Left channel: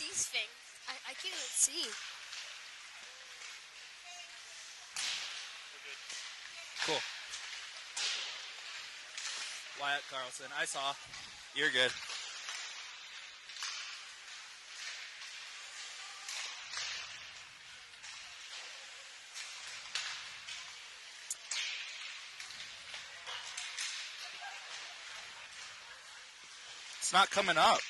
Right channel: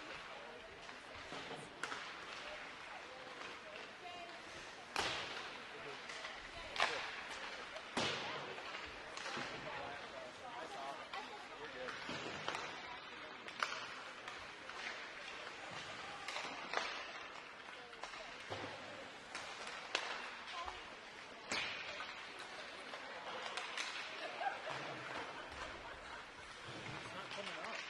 overseas thing. I can't even see. Cool. Wyatt Carlson, I saw. You're good. It's not coming up.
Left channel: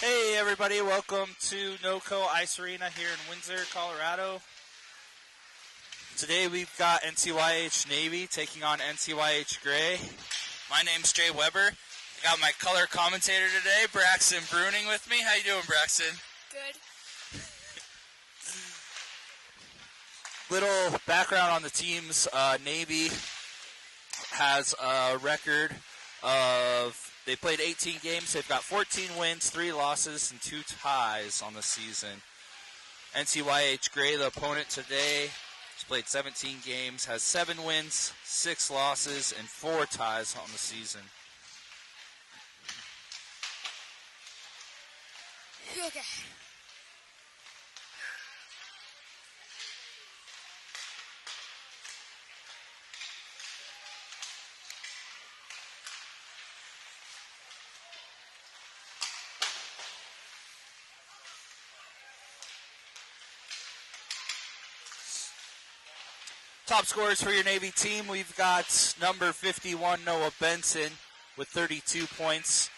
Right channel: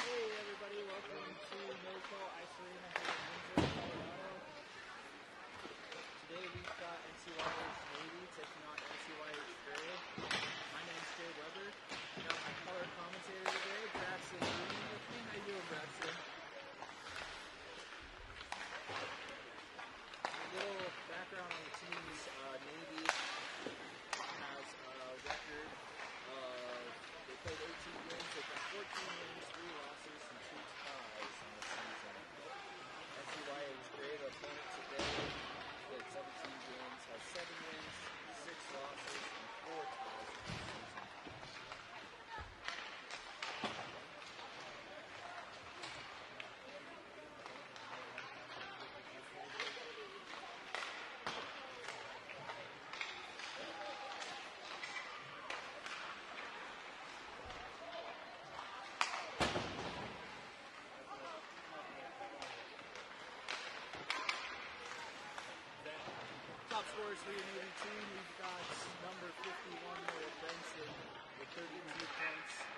Hey everybody, welcome to NOCO Ice Arena here in Windsor, Colorado. Today we've got NCYH Navy taking on NCYH Gray. My name's Jay Weber. I got my color commentator today, Braxton Bruning, with me. How you doing, Braxton? Good. Little background on the teams. Navy has a record of, they played 18 games. They've got 14 wins, 3 losses, and 2 ties on the season. NCYH Gray, the opponent today, has played 17 games, has 7 wins, 6 losses, and 4 ties on the season. Okay. Top scorers for your Navy team, we've got number 51, Noah Benson, with 32 points.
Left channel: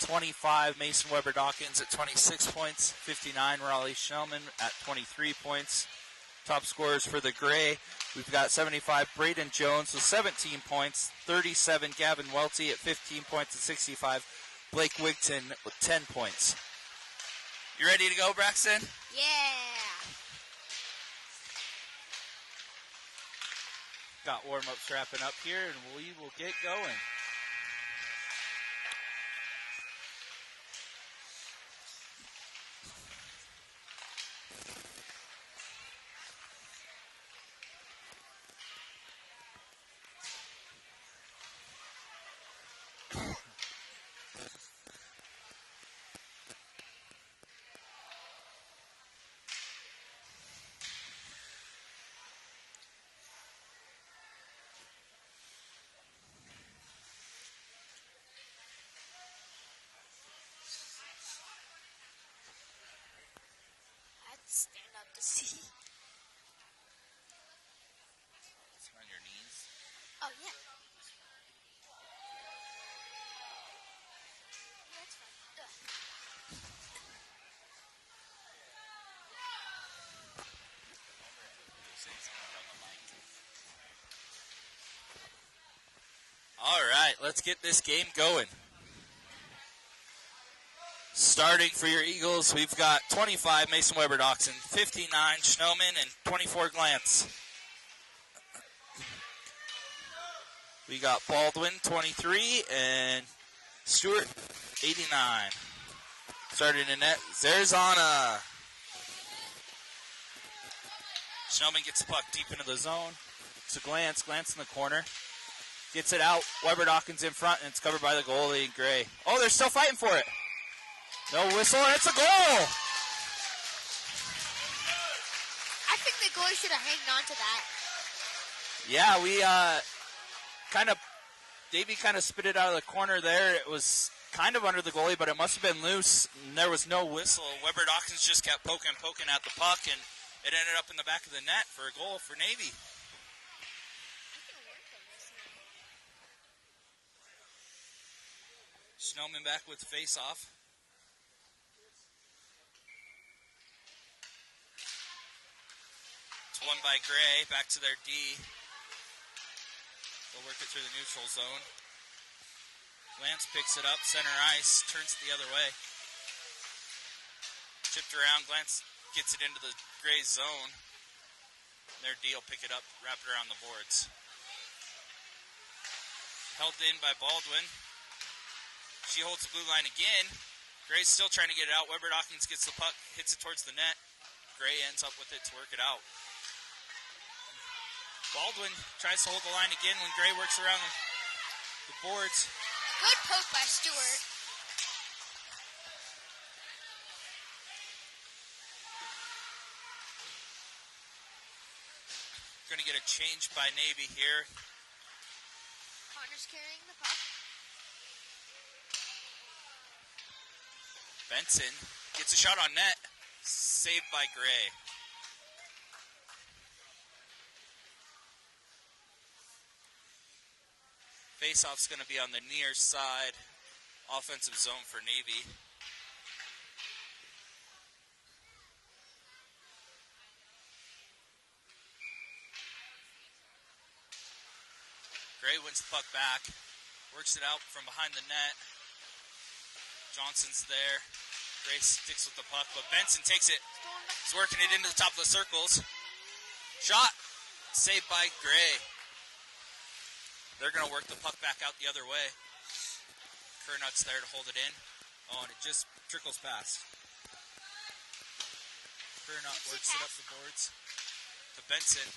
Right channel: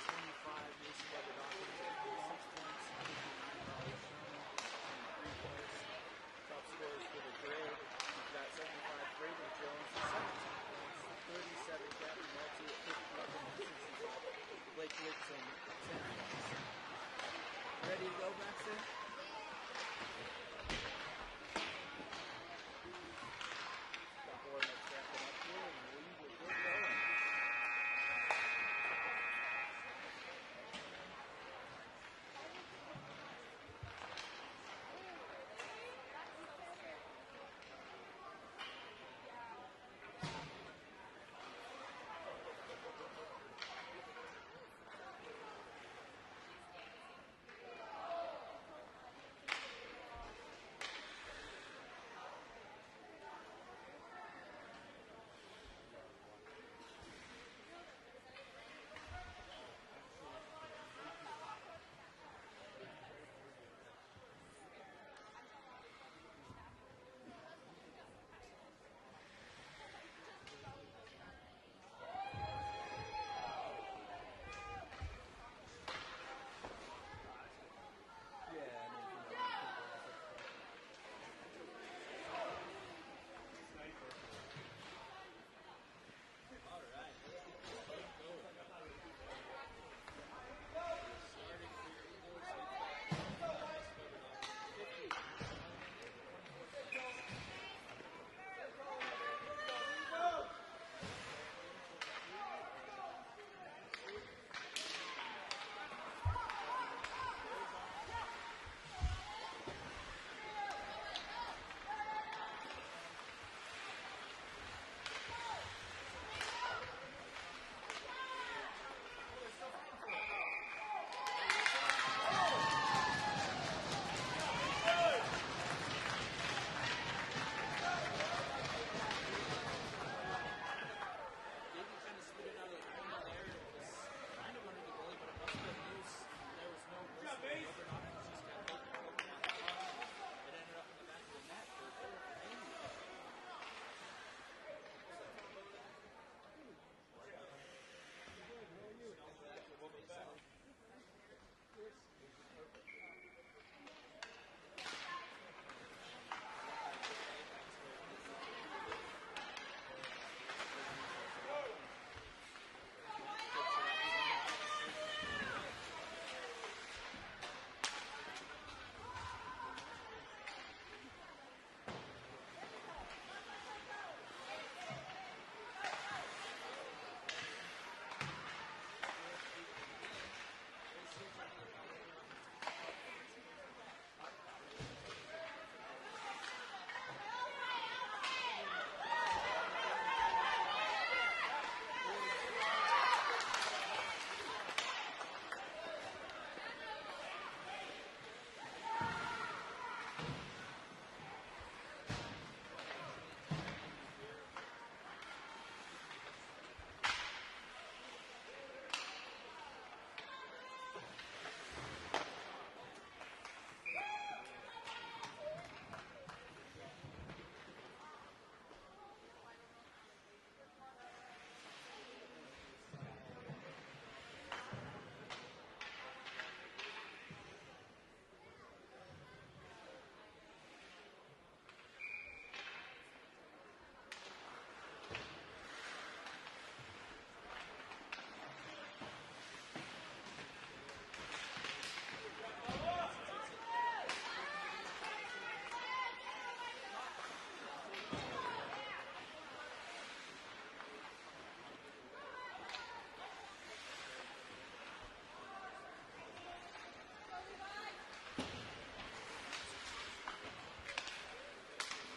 25, Mason Weber Dawkins at 26 points. 59, Raleigh Shellman at 23 points. Top scorers for the Gray, we've got 75, Braden Jones with 17 points. 37, Gavin Welty at 15 points. And 65, Blake Wigton with 10 points. You ready to go, Braxton? Yeah. Got warm-ups wrapping up here, and we will get going. Stand up to see. Oh, yeah. All right, let's get this game going. Starting for your Eagles, we've got 25, Mason Weber Dawson, 59, Schnellman, and 24, Glantz. We got Baldwin, 23, and Stewart, 89. Starting in net, Zerzana. Schnellman gets the puck deep into the zone. To Glantz, Glantz in the corner. Gets it out, Weber Dawkins in front, and it's covered by the goalie, Gray. Oh, they're still fighting for it. No whistle, and it's a goal! I think the goalie should have hanged on to that. Yeah, we Davey kind of spit it out of the corner there. It was kind of under the goalie, but it must have been loose, and there was no whistle. Weber Dawkins just kept poking at the puck, and it ended up in the back of the net for a goal for Navy. Snowman back with the face-off. It's won by Gray, back to their D. They're working through the neutral zone. Lance picks it up, center ice, turns it the other way. Chipped around, Lance gets it into the Gray zone. Their D will pick it up, wrap it around the boards. Held in by Baldwin. She holds the blue line again. Gray's still trying to get it out. Weber Dawkins gets the puck, hits it towards the net. Gray ends up with it to work it out. Baldwin tries to hold the line again when Gray works around the boards. Good poke by Stewart. We're going to get a change by Navy here. Connor's carrying the puck. Benson gets a shot on net. Saved by Gray. Faceoff's going to be on the near side. Offensive zone for Navy. Gray wins the puck back. Works it out from behind the net. Johnson's there. Gray sticks with the puck, but Benson takes it. He's working it into the top of the circles. Shot. Saved by Gray. They're going to work the puck back out the other way. Kernut's there to hold it in. Oh, and it just trickles past. Kernut works it up the boards to Benson.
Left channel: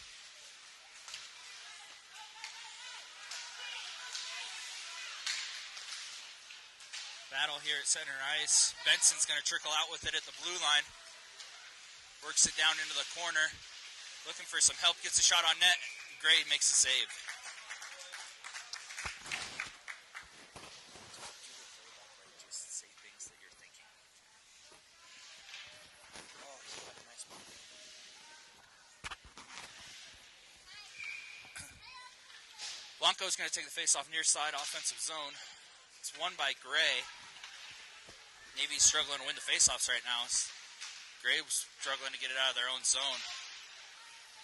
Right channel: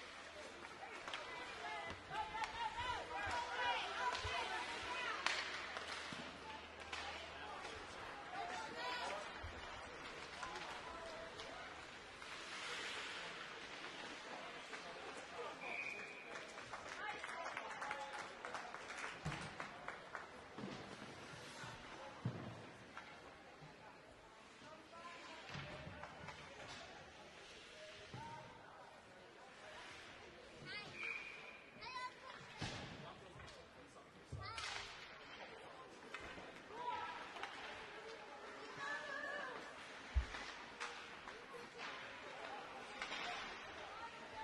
Battle here at center ice. Benson's going to trickle out with it at the blue line. Works it down into the corner. Looking for some help. Gets a shot on net. Gray makes a save. Blanco's going to take the face-off near side offensive zone. It's won by Gray. Navy's struggling to win the face-offs right now. Gray's struggling to get it out of their own zone.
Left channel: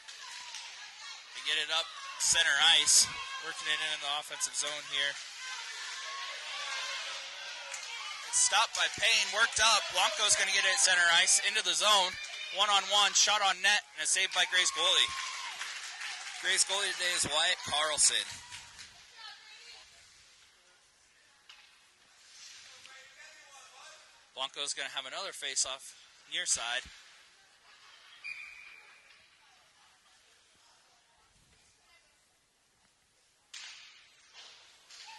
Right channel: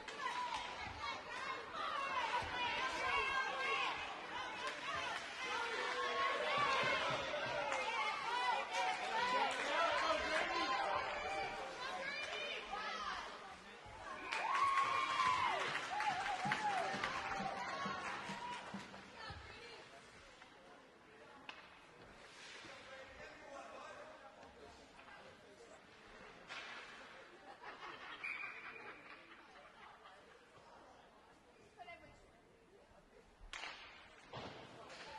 They get it up center ice. Working it in the offensive zone here. Stopped by Payne. Worked up. Blanco's going to get it at center ice. Into the zone. One-on-one. Shot on net. And a save by Gray's goalie. Gray's goalie today is Wyatt Carlson. Blanco's going to have another face-off near side.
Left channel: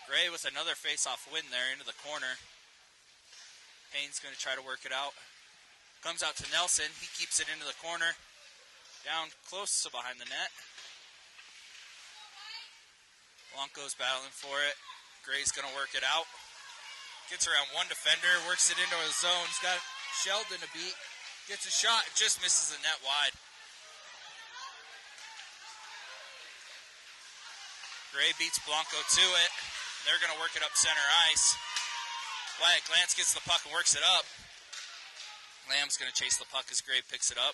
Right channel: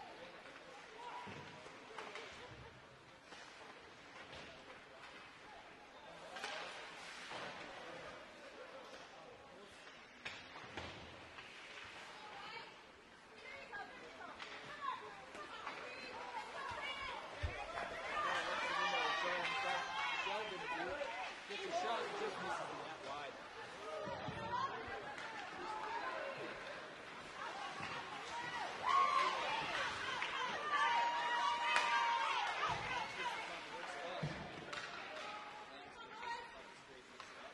Gray with another face-off win there into the corner. Payne's going to try to work it out. Comes out to Nelson. He keeps it into the corner. Down close to behind the net. Blanco's battling for it. Gray's going to work it out. Gets around one defender, works it into his zone. He's got Sheldon to beat. Gets a shot and just misses the net wide. Gray beats Blanco to it. They're going to work it up center ice. Wyatt Glantz gets the puck and works it up. Lamb's going to chase the puck as Gray picks it up.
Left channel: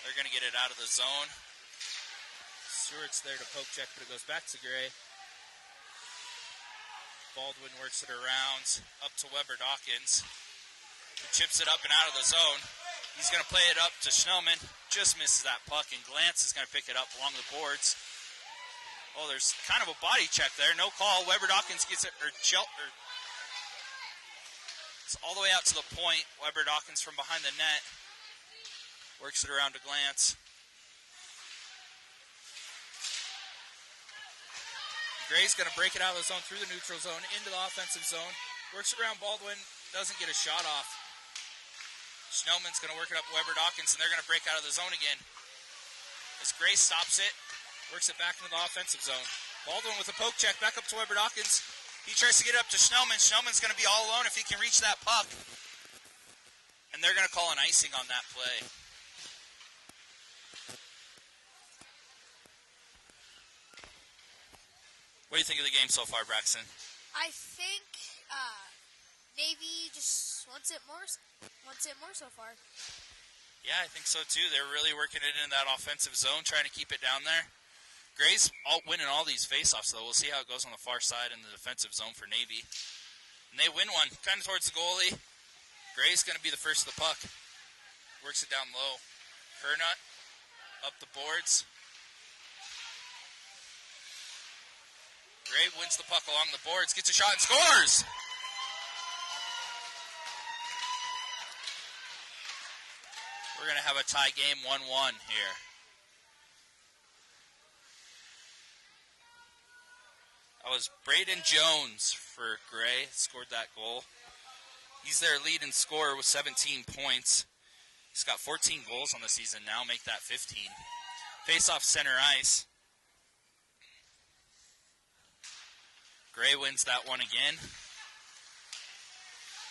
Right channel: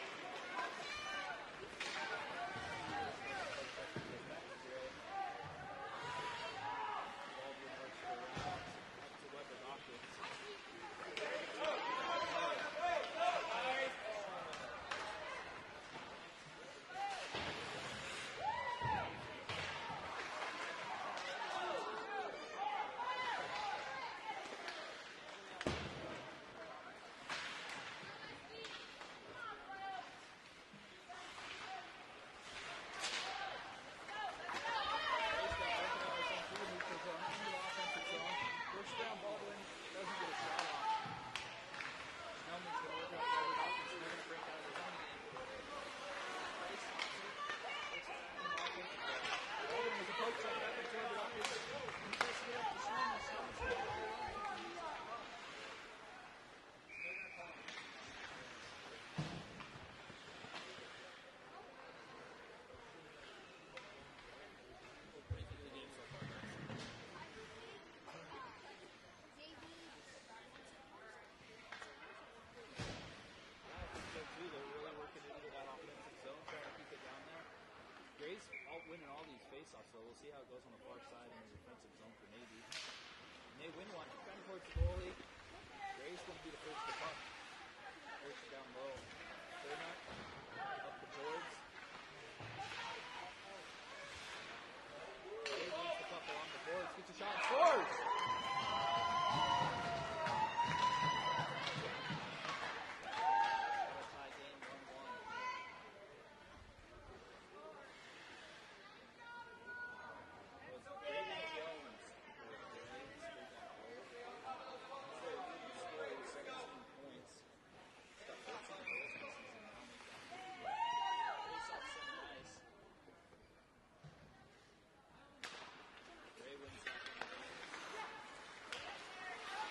They're going to get it out of the zone. Stewart's there to poke check, but it goes back to Gray. Baldwin works it around, up to Weber Dawkins. Chips it up and out of the zone. He's going to play it up to Schnellman. Just misses that puck, and Glantz is going to pick it up along the boards. Oh, there's kind of a body check there. No call. Weber Dawkins gets it, it's all the way out to the point. Weber Dawkins from behind the net. Works it around to Glantz. Gray's going to break it out of the zone through the neutral zone into the offensive zone. Works around Baldwin, doesn't get a shot off. Schnellman's going to work it up Weber Dawkins, and they're going to break out of the zone again. As Gray stops it, works it back into the offensive zone. Baldwin with a poke check back up to Weber Dawkins. He tries to get it up to Schnellman. Schnellman's going to be all alone if he can reach that puck. And they're going to call an icing on that play. What do you think of the game so far, Braxton? I think Navy just wants it more so far. Yeah, I think so too. They're really working it into that offensive zone, trying to keep it down there. Gray's winning all these faceoffs, though. We'll see how it goes on the far side in the defensive zone for Navy. And they win one, kind of towards the goalie. Gray's going to be the first of the puck. Works it down low. Kernut up the boards. Gets the puck along the boards, gets a shot and scores! We're going to have a tie game 1-1 here. That was Braden Jones for Gray, scored that goal. He's their leading scorer with 17 points. He's got 14 goals on the season now, make that 15. Face off center ice. Gray wins that one again.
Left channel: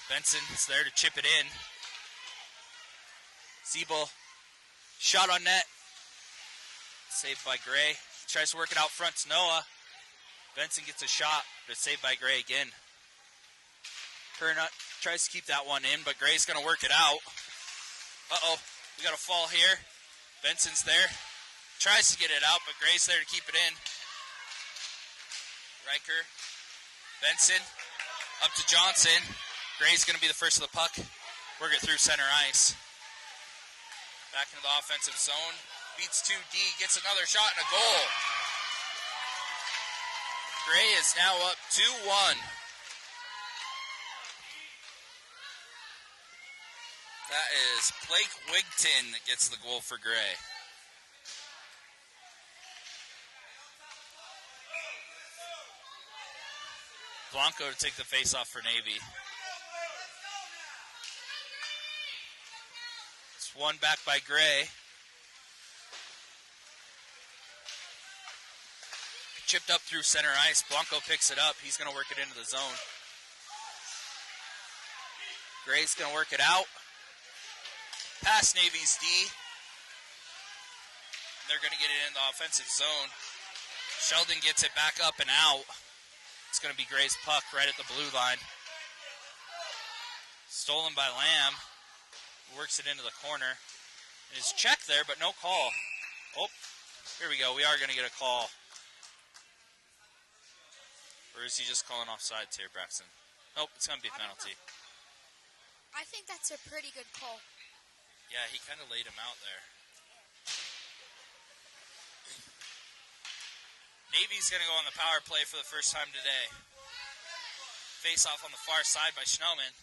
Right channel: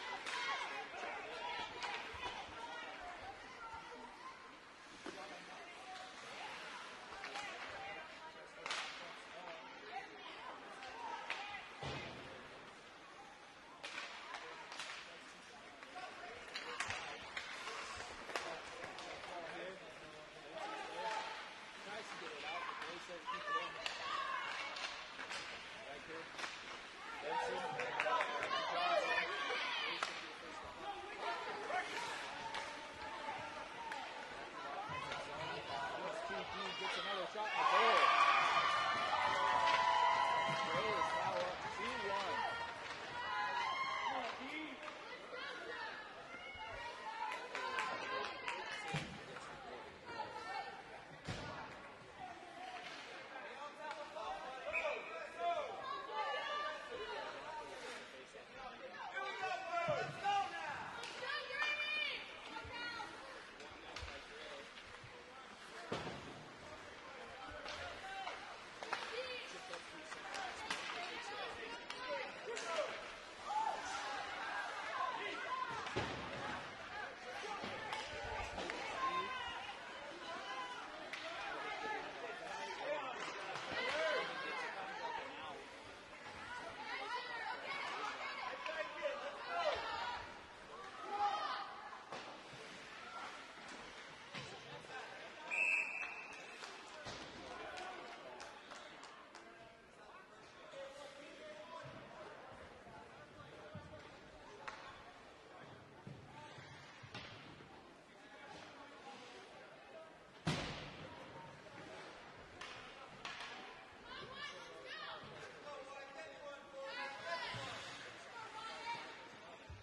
Benson's there to chip it in. Siebel, shot on net. Saved by Gray. Tries to work it out front to Noah. Benson gets a shot, but saved by Gray again. Kernut tries to keep that one in, but Gray's going to work it out. Uh-oh, we got a fall here. Benson's there. Tries to get it out, but Gray's there to keep it in. Riker, Benson, up to Johnson. Gray's going to be the first of the puck. Work it through center ice. Back into the offensive zone. Beats 2D, gets another shot and a goal. Gray is now up 2-1. That is Blake Wigton that gets the goal for Gray. Blanco to take the face-off for Navy. It's one back by Gray. Chipped up through center ice. Blanco picks it up. He's going to work it into the zone. Gray's going to work it out. Past Navy's D. They're going to get it in the offensive zone. Sheldon gets it back up and out. It's going to be Gray's puck right at the blue line. Stolen by Lamb. Works it into the corner. It's checked there, but no call. Oh, here we go. We are going to get a call. Or is he just calling offsides here, Braxton? Nope, it's going to be a penalty. I think that's a pretty good call. Yeah, he kind of laid him out there. Navy's going to go on the power play for the first time today. Face off on the far side by Schnellman.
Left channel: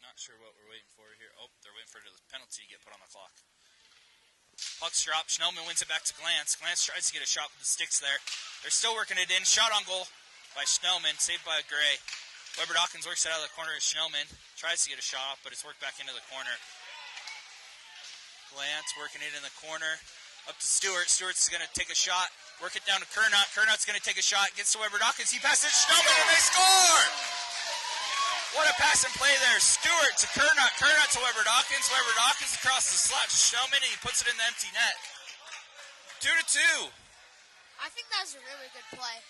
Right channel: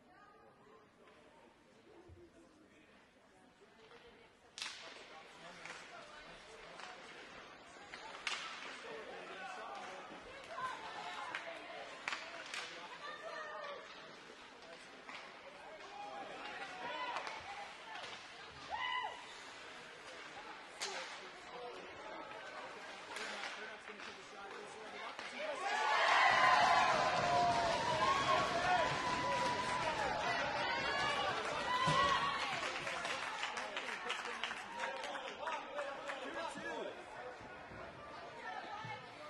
Not sure what we're waiting for here. Oh, they're waiting for the penalty to get put on the clock. Puck's dropped. Schnellman wins it back to Glantz. Glantz tries to get a shot with the sticks there. They're still working it in. Shot on goal by Schnellman, saved by Gray. Weber Dawkins works it out of the corner of Schnellman. Tries to get a shot off, but it's worked back into the corner. Glantz working it in the corner. Up to Stewart. Stewart's going to take a shot. Work it down to Kernot. Kernot's going to take a shot. Gets to Weber Dawkins. He passes Schnellman and they score! What a pass and play there. Stewart to Kernot. Kernot to Weber Dawkins. Weber Dawkins across the slot to Schnellman, and he puts it in the empty net. 2-2. I think that was a really good play.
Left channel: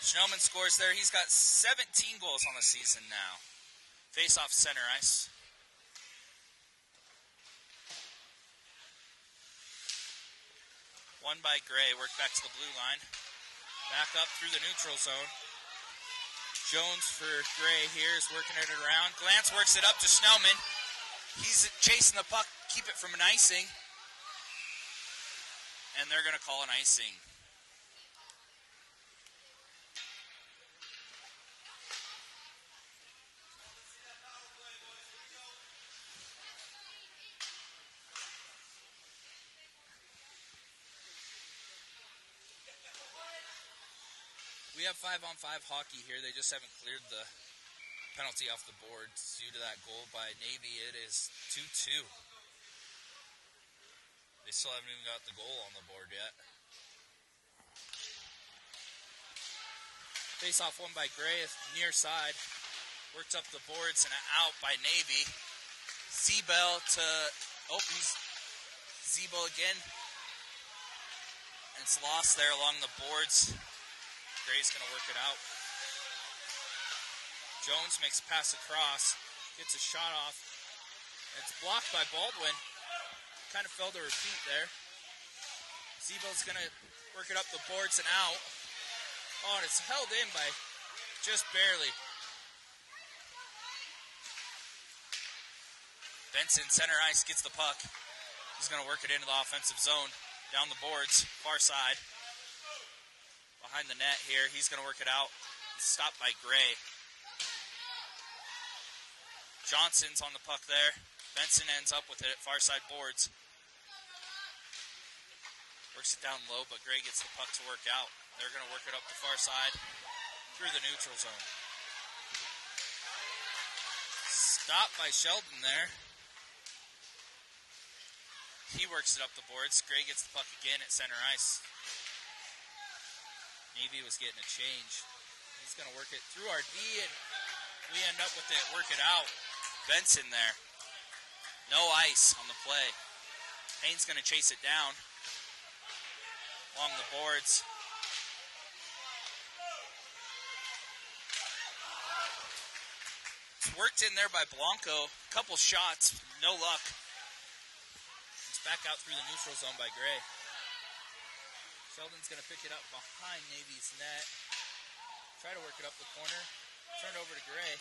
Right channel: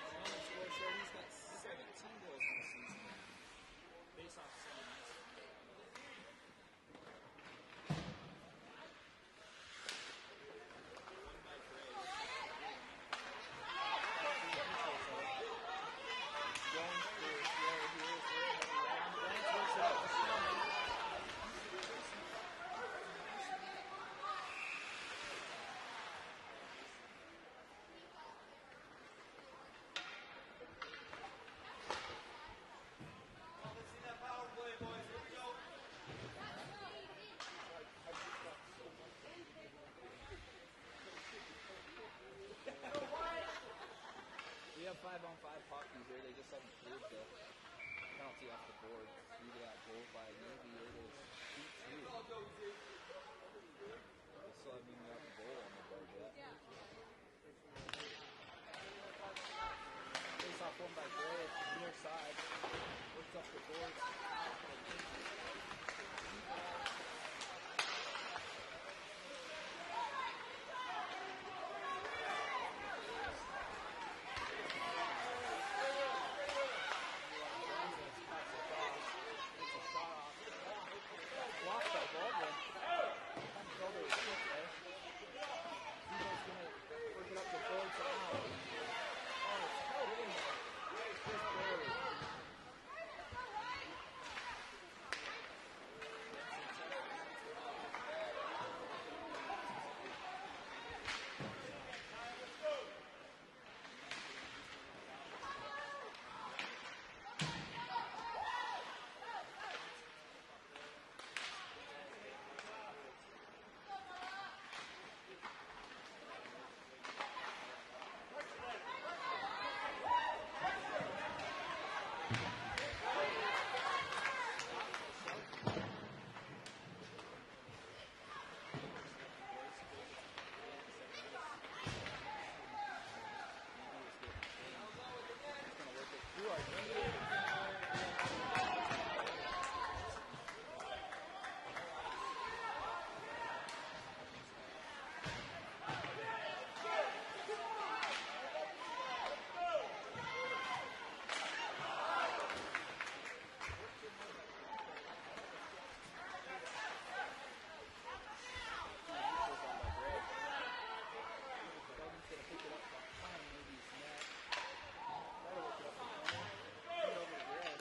Schnellman scores there. He's got 17 goals on the season now. Face off center ice. One by Gray. Work back to the blue line. Back up through the neutral zone. Jones for Gray here is working it around. Glantz works it up to Schnellman. He's chasing the puck, keep it from an icing. And they're going to call an icing. We have 5-on-5 hockey here. They just haven't cleared the penalty off the boards due to that goal by Navy. It is 2-2. They still haven't even got the goal on the board yet. Face off one by Gray, near side. Worked up the boards and out by Navy. Zebel to Zebel again. It's lost there along the boards. Gray's going to work it out. Jones makes a pass across. Gets a shot off. It's blocked by Baldwin. Kind of fell to her feet there. Zebel's going to work it up the boards and out. Oh, and it's held in by just barely. Benson, center ice, gets the puck. He's going to work it into the offensive zone. Down the boards, far side. Behind the net here, he's going to work it out. Stopped by Gray. Johnson's on the puck there. Benson ends up with it at far side boards. Works it down low, but Gray gets the puck to work out. They're going to work it up the far side through the neutral zone. Stopped by Shelton there. He works it up the boards. Gray gets the puck again at center ice. Navy was getting a change. He's going to work it through our knee, and we end up with it. Work it out. Benson there. No ice on the play. Payne's going to chase it down along the boards. It's worked in there by Blanco. Couple shots, no luck. Back out through the neutral zone by Gray. Sheldon's going to pick it up behind Navy's net. Try to work it up the corner. Turn it over to Gray.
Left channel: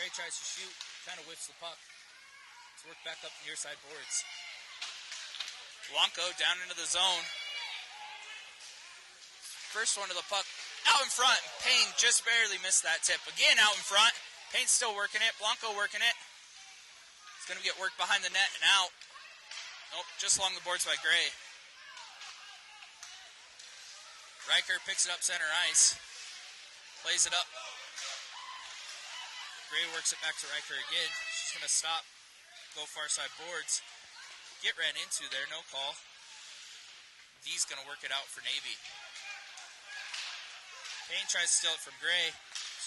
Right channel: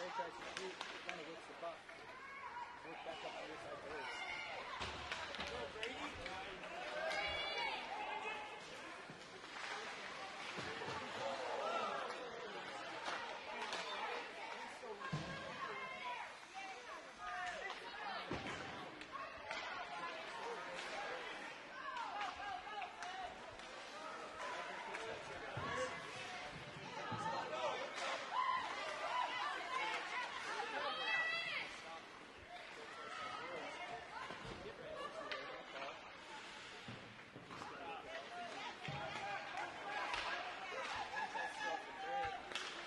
Gray tries to shoot. Kind of whips the puck. Let's work back up the near side boards. Blanco down into the zone. First one to the puck. Out in front. Payne just barely missed that tip. Again out in front. Payne's still working it. Blanco working it. He's going to get worked behind the net and out. Oh, just along the boards by Gray. Riker picks it up center ice. Plays it up. Gray works it back to Riker again. She's going to stop. Go far side boards. Get ran into there, no call. D's going to work it out for Navy. Payne tries to steal it from Gray.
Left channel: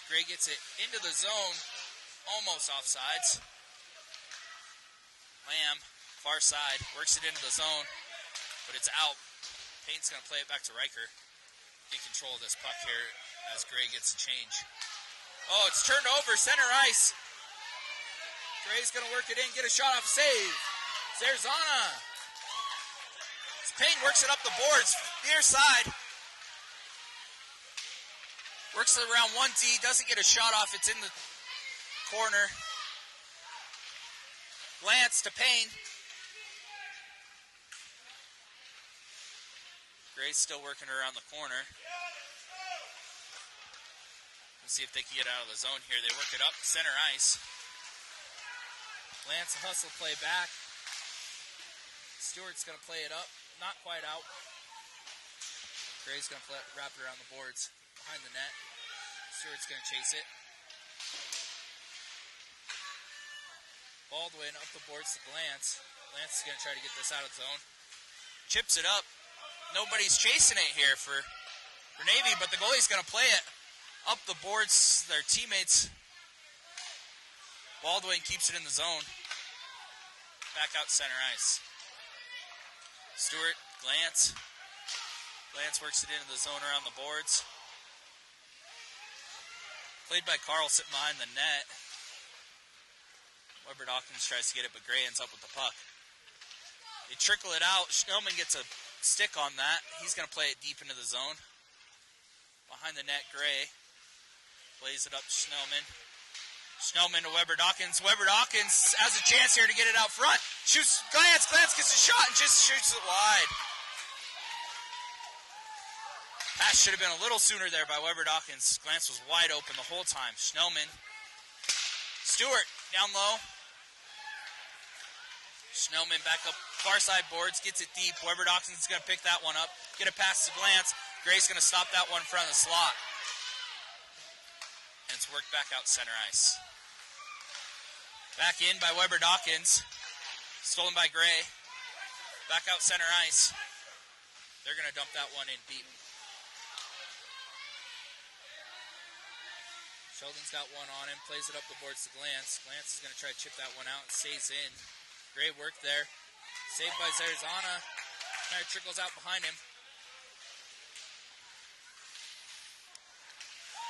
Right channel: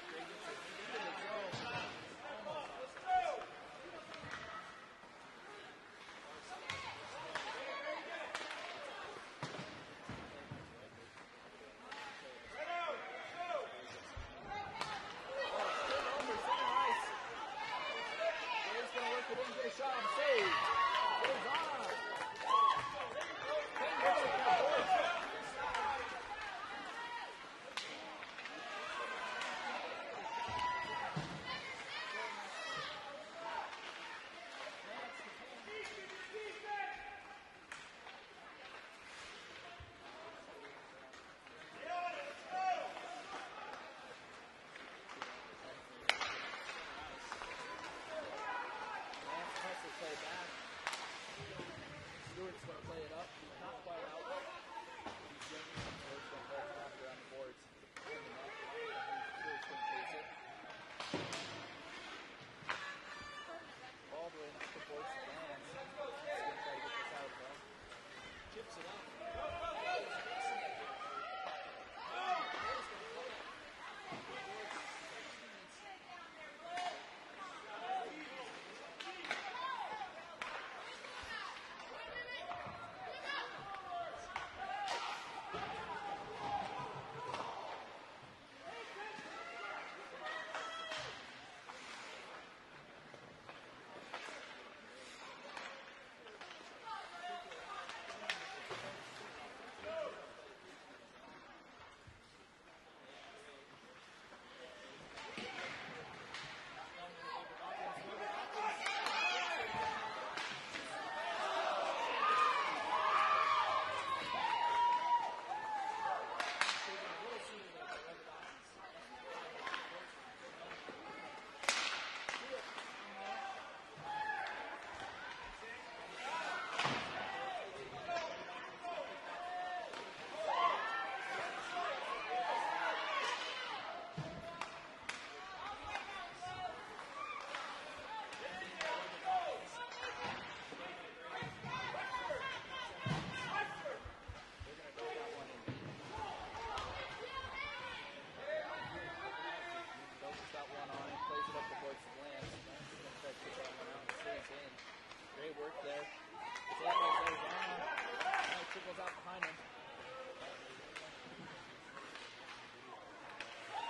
Gray gets it into the zone. Almost offsides. Lamb. Far side, works it into the zone, but it's out. Payne's going to play it back to Riker. In control of this puck here as Gray gets the change. Oh, it's turned over, center ice. Gray's going to work it in, get a shot off save. Zerzana. Payne works it up the boards, near side. Works it around 1D, doesn't get a shot off, it's in the corner. Lance to Payne. Gray's still working around the corner. See if they can get out of the zone here. They work it up, center ice. Lance hustle play back. Stewart's going to play it up. Not quite out. Gray's going to wrap it around the boards. Behind the net. Stewart's going to chase it. Baldwin up the boards to Lance. Lance is going to try to get this out of the zone. Chips it up. Nobody's chasing it here for Navy, but the goalie's going to play it up the boards. Their teammates. Baldwin keeps it in the zone. Back out center ice. Stewart, Lance. Lance works it into the zone around the boards. Played by Carl sitting behind the net. Weber Dawkins tries to get it, but Gray ends up with the puck. They trickle it out. Schnellman gets a stick on that. He's going to play it deep into the zone. Behind the net, Gray plays it up to Schnellman. Schnellman to Weber Dawkins. Weber Dawkins has a chance here to get it out front. Shoots, Glance gets a shot, just shoots it wide. Pass should have been a little sooner there by Weber Dawkins. Glance was wide open the whole time. Schnellman. Stewart down low. Schnellman back up far side boards, gets it deep. Weber Dawkins is going to pick that one up. Get a pass to Glance. Gray's going to stop that one in front of the slot. It's worked back out center ice. Back in by Weber Dawkins. Stolen by Gray. Back out center ice. They're going to dump that one in deep. Sheldon's got one on him. Plays it up the boards to Glance. Glance is going to try to chip that one out and stays in. Great work there. Saved by Zerzana. Kind of trickles out behind him.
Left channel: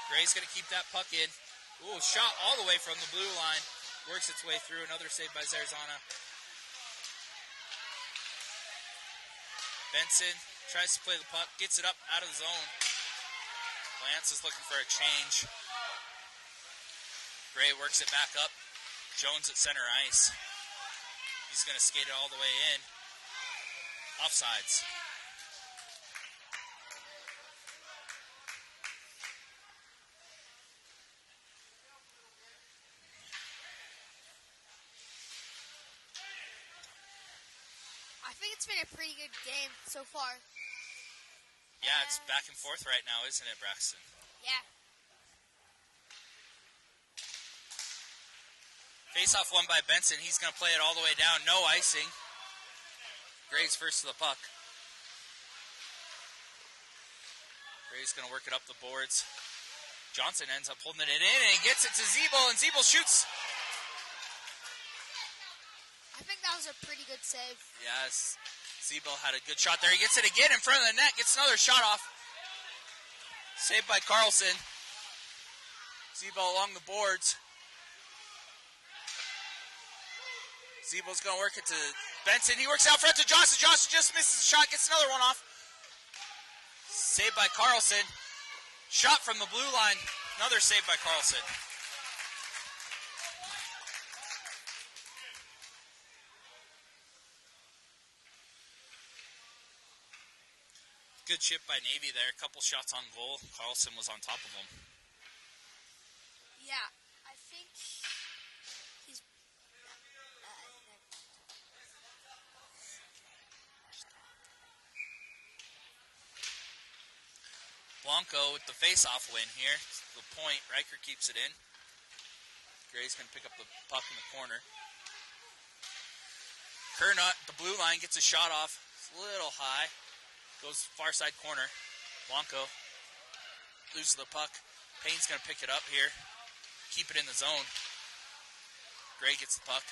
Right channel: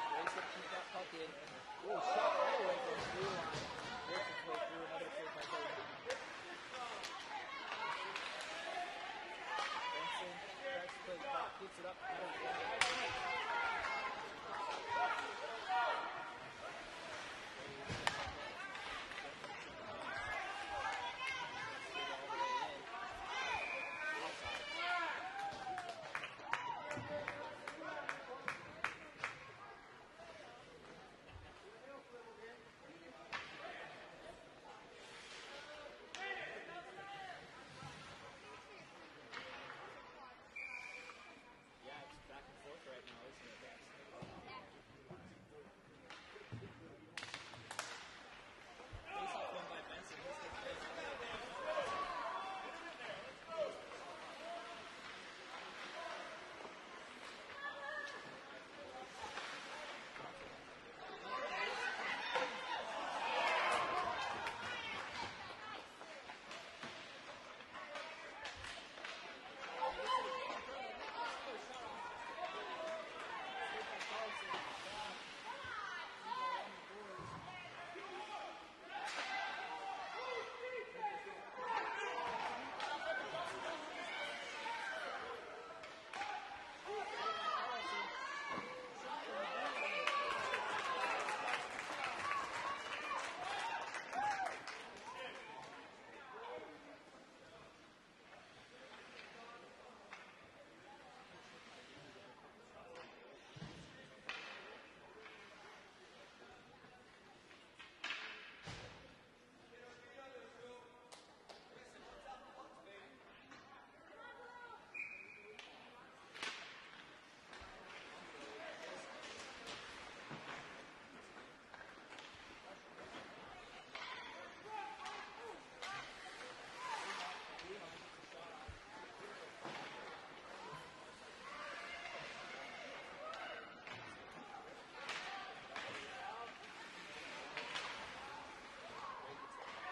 Gray's going to keep that puck in. Ooh, shot all the way from the blue line. Works its way through. Another save by Zerzana. Benson tries to play the puck. Gets it up out of the zone. defense is looking for a change. Gray works it back up. Jones at center ice. He's going to skate it all the way in. Offsides. I think it's been a pretty good game so far. Yeah, it's back and forth right now, isn't it, Braxton? Yeah. Face-off won by Benson. He's going to play it all the way down. No icing. Gray's first to the puck. Gray's going to work it up the boards. Johnson ends up holding it in, and he gets it to Zeeble, and Zeeble shoots. I think that was a pretty good save. Yes, Zeeble had a good shot there. He gets it again in front of the net, gets another shot off. Saved by Carlson. Zeeble along the boards. Zeeble's going to work it to Benson. He works out front to Johnson. Johnson just misses the shot, gets another one off. Saved by Carlson. Shot from the blue line. Another save by Carlson. Good chip by Navy there. A couple shots on goal. Carlson was on top of him. Yeah, I think he's... Blanco with the face-off win here. The point. Riker keeps it in. Gray's going to pick up the puck in the corner. Kernut, the blue line, gets a shot off. It's a little high. Goes far side corner. Blanco loses the puck. Payne's going to pick it up here. Keep it in the zone. Gray gets the puck.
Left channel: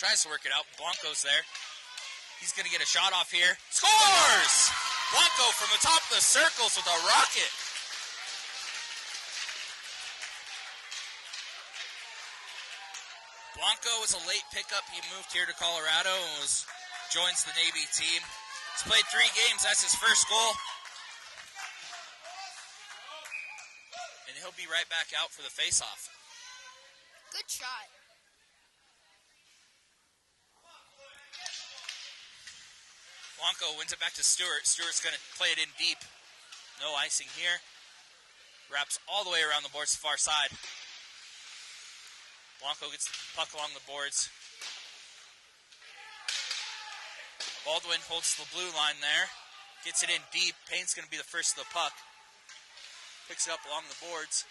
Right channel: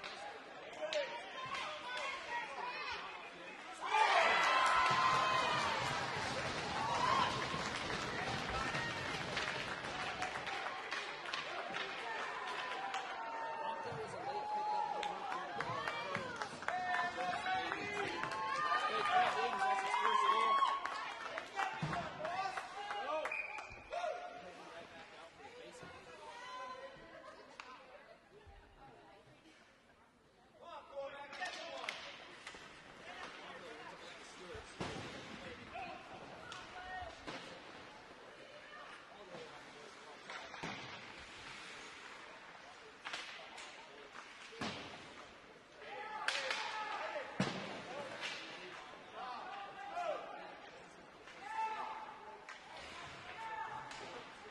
Tries to work it out. Blanco's there. He's going to get a shot off here. Scores! Blanco from the top of the circles with a rocket. Blanco was a late pickup. He moved here to Colorado and joins the Navy team. He's played 3 games. That's his first goal. And he'll be right back out for the face-off. Good try. Blanco wins it back to Stewart. Stewart's going to play it in deep. No icing here. Wraps all the way around the boards to the far side. Blanco gets the puck along the boards. Baldwin holds the blue line there. Gets it in deep. Payne's going to be the first to the puck. Picks it up along the boards.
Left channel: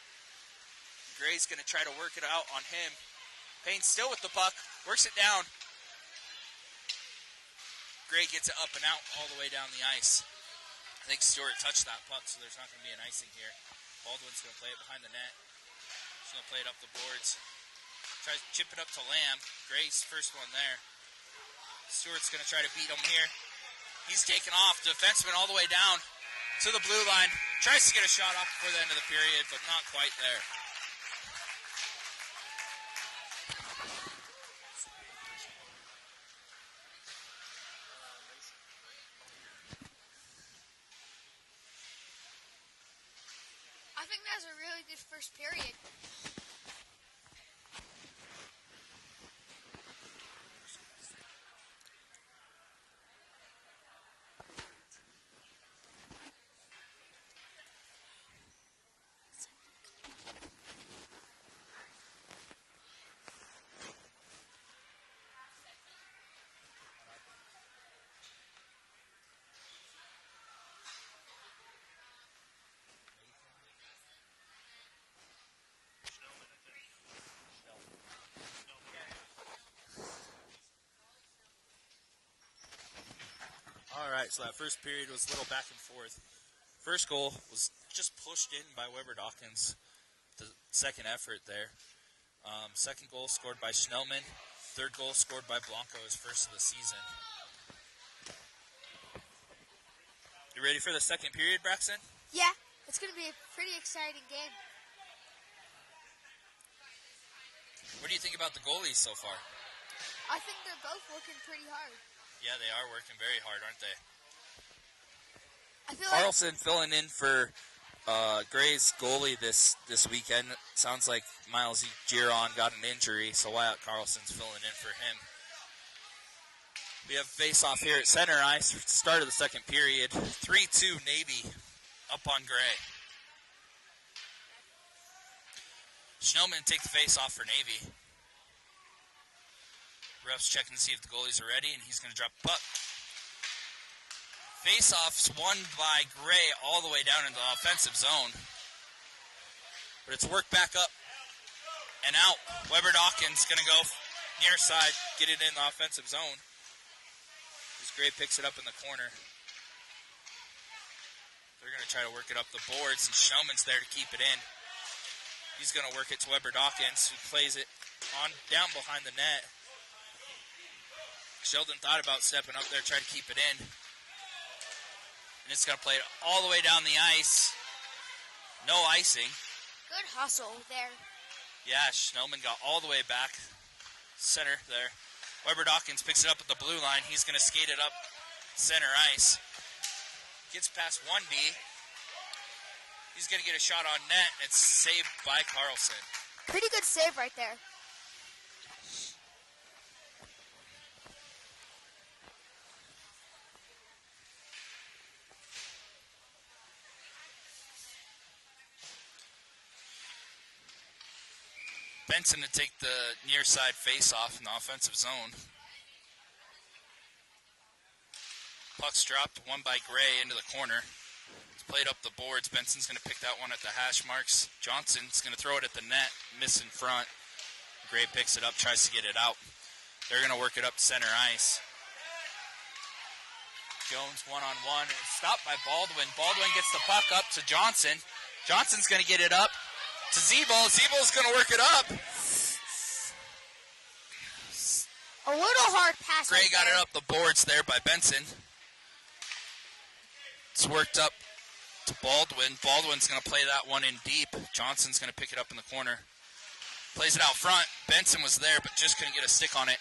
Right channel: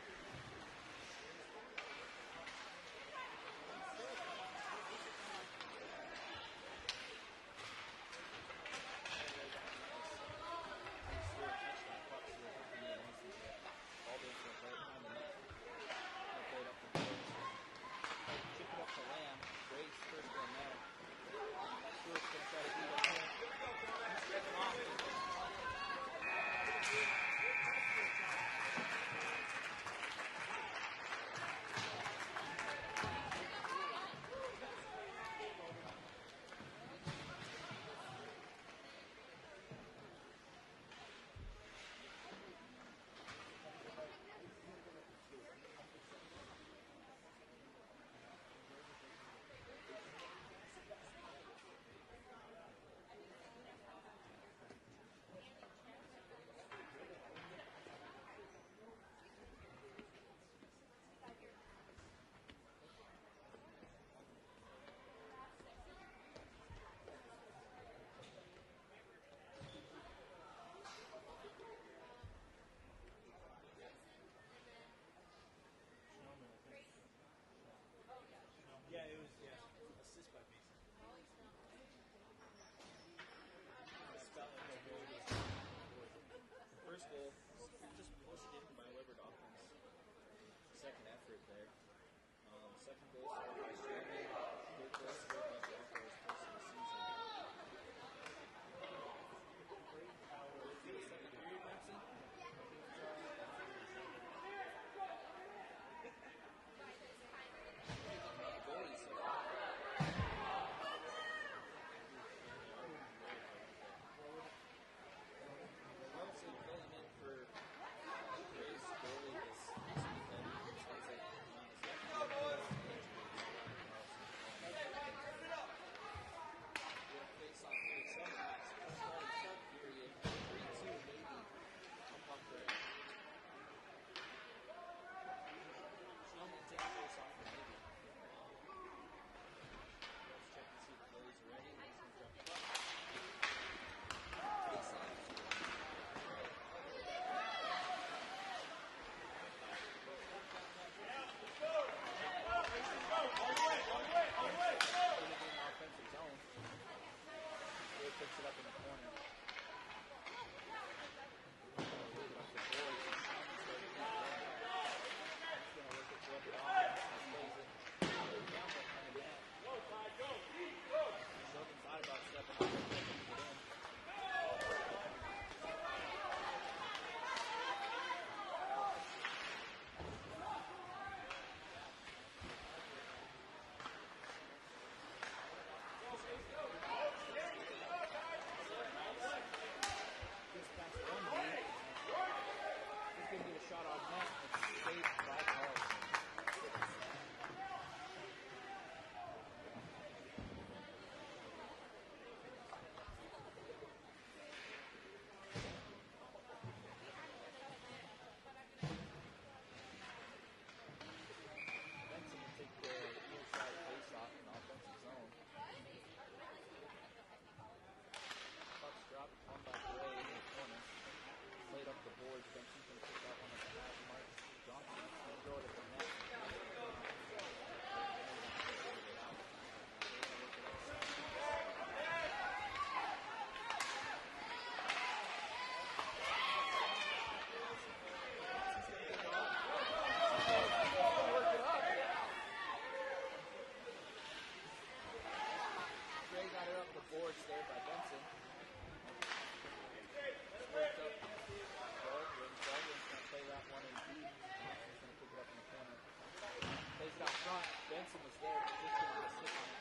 Gray's going to try to work it out on him. Payne still with the puck. Works it down. Gray gets it up and out all the way down the ice. I think Stewart touched that puck, so there's not going to be an icing here. Baldwin's going to play it behind the net. He's going to play it up the boards. Tries to chip it up to Lamb. Gray's first one there. Stewart's going to try to beat him here. He's taken off. Defenseman all the way down to the blue line. Tries to get a shot off before the end of the period, but not quite there. I think that was a really good first period. So that first period was a little back and forth. First goal was just pushed in by Weber Dawkins. The second effort there. Second goal scored by Schnellman. Third goal scored by Blanco, his first of the season. You ready for the second period, Braxton? Yeah, it's going to be a pretty exciting game. What do you think about the goalies so far? I think they're both working pretty hard. Yeah, they are working very hard, aren't they? I feel like Carlson filling in for Gray's goalie this weekend, sounds like Miles Giron got an injury, so Wyatt Carlson's filling in for him. We have face-off here at center ice, start of the second period. 3-2 Navy up on Gray. Schnellman take the face-off for Navy. Ref's checking to see if the goalies are ready, and he's going to drop the puck. Face-off's won by Gray all the way down into the offensive zone. But it's worked back up and out. Weber Dawkins going to go near side, get it in the offensive zone. As Gray picks it up in the corner. They're going to try to work it up the boards. Schnellman's there to keep it in. He's going to work it to Weber Dawkins, who plays it on down behind the net. Sheldon thought about stepping up there, trying to keep it in. It's going to play it all the way down the ice. No icing. Good hustle there. Yeah, Schnellman got all the way back. Center there. Weber Dawkins picks it up at the blue line. He's going to skate it up center ice. Gets past 1D. He's going to get a shot on net. It's saved by Carlson. Pretty good save right there. Benson to take the near side face-off in the offensive zone. Puck's dropped, won by Gray into the corner. It's played up the boards. Benson's going to pick that one at the hash marks. Johnson's going to throw it at the net, miss in front. Gray picks it up, tries to get it out. They're going to work it up center ice. Jones one-on-one, stopped by Baldwin. Baldwin gets the puck up to Johnson. Johnson's going to get it up to Zebol. Zebol's going to work it up. A little hard pass. Gray got it up the boards there by Benson. It's worked up to Baldwin. Baldwin's going to play that one in deep. Johnson's going to pick it up in the corner. Plays it out front. Benson was there, but just couldn't get a stick on it.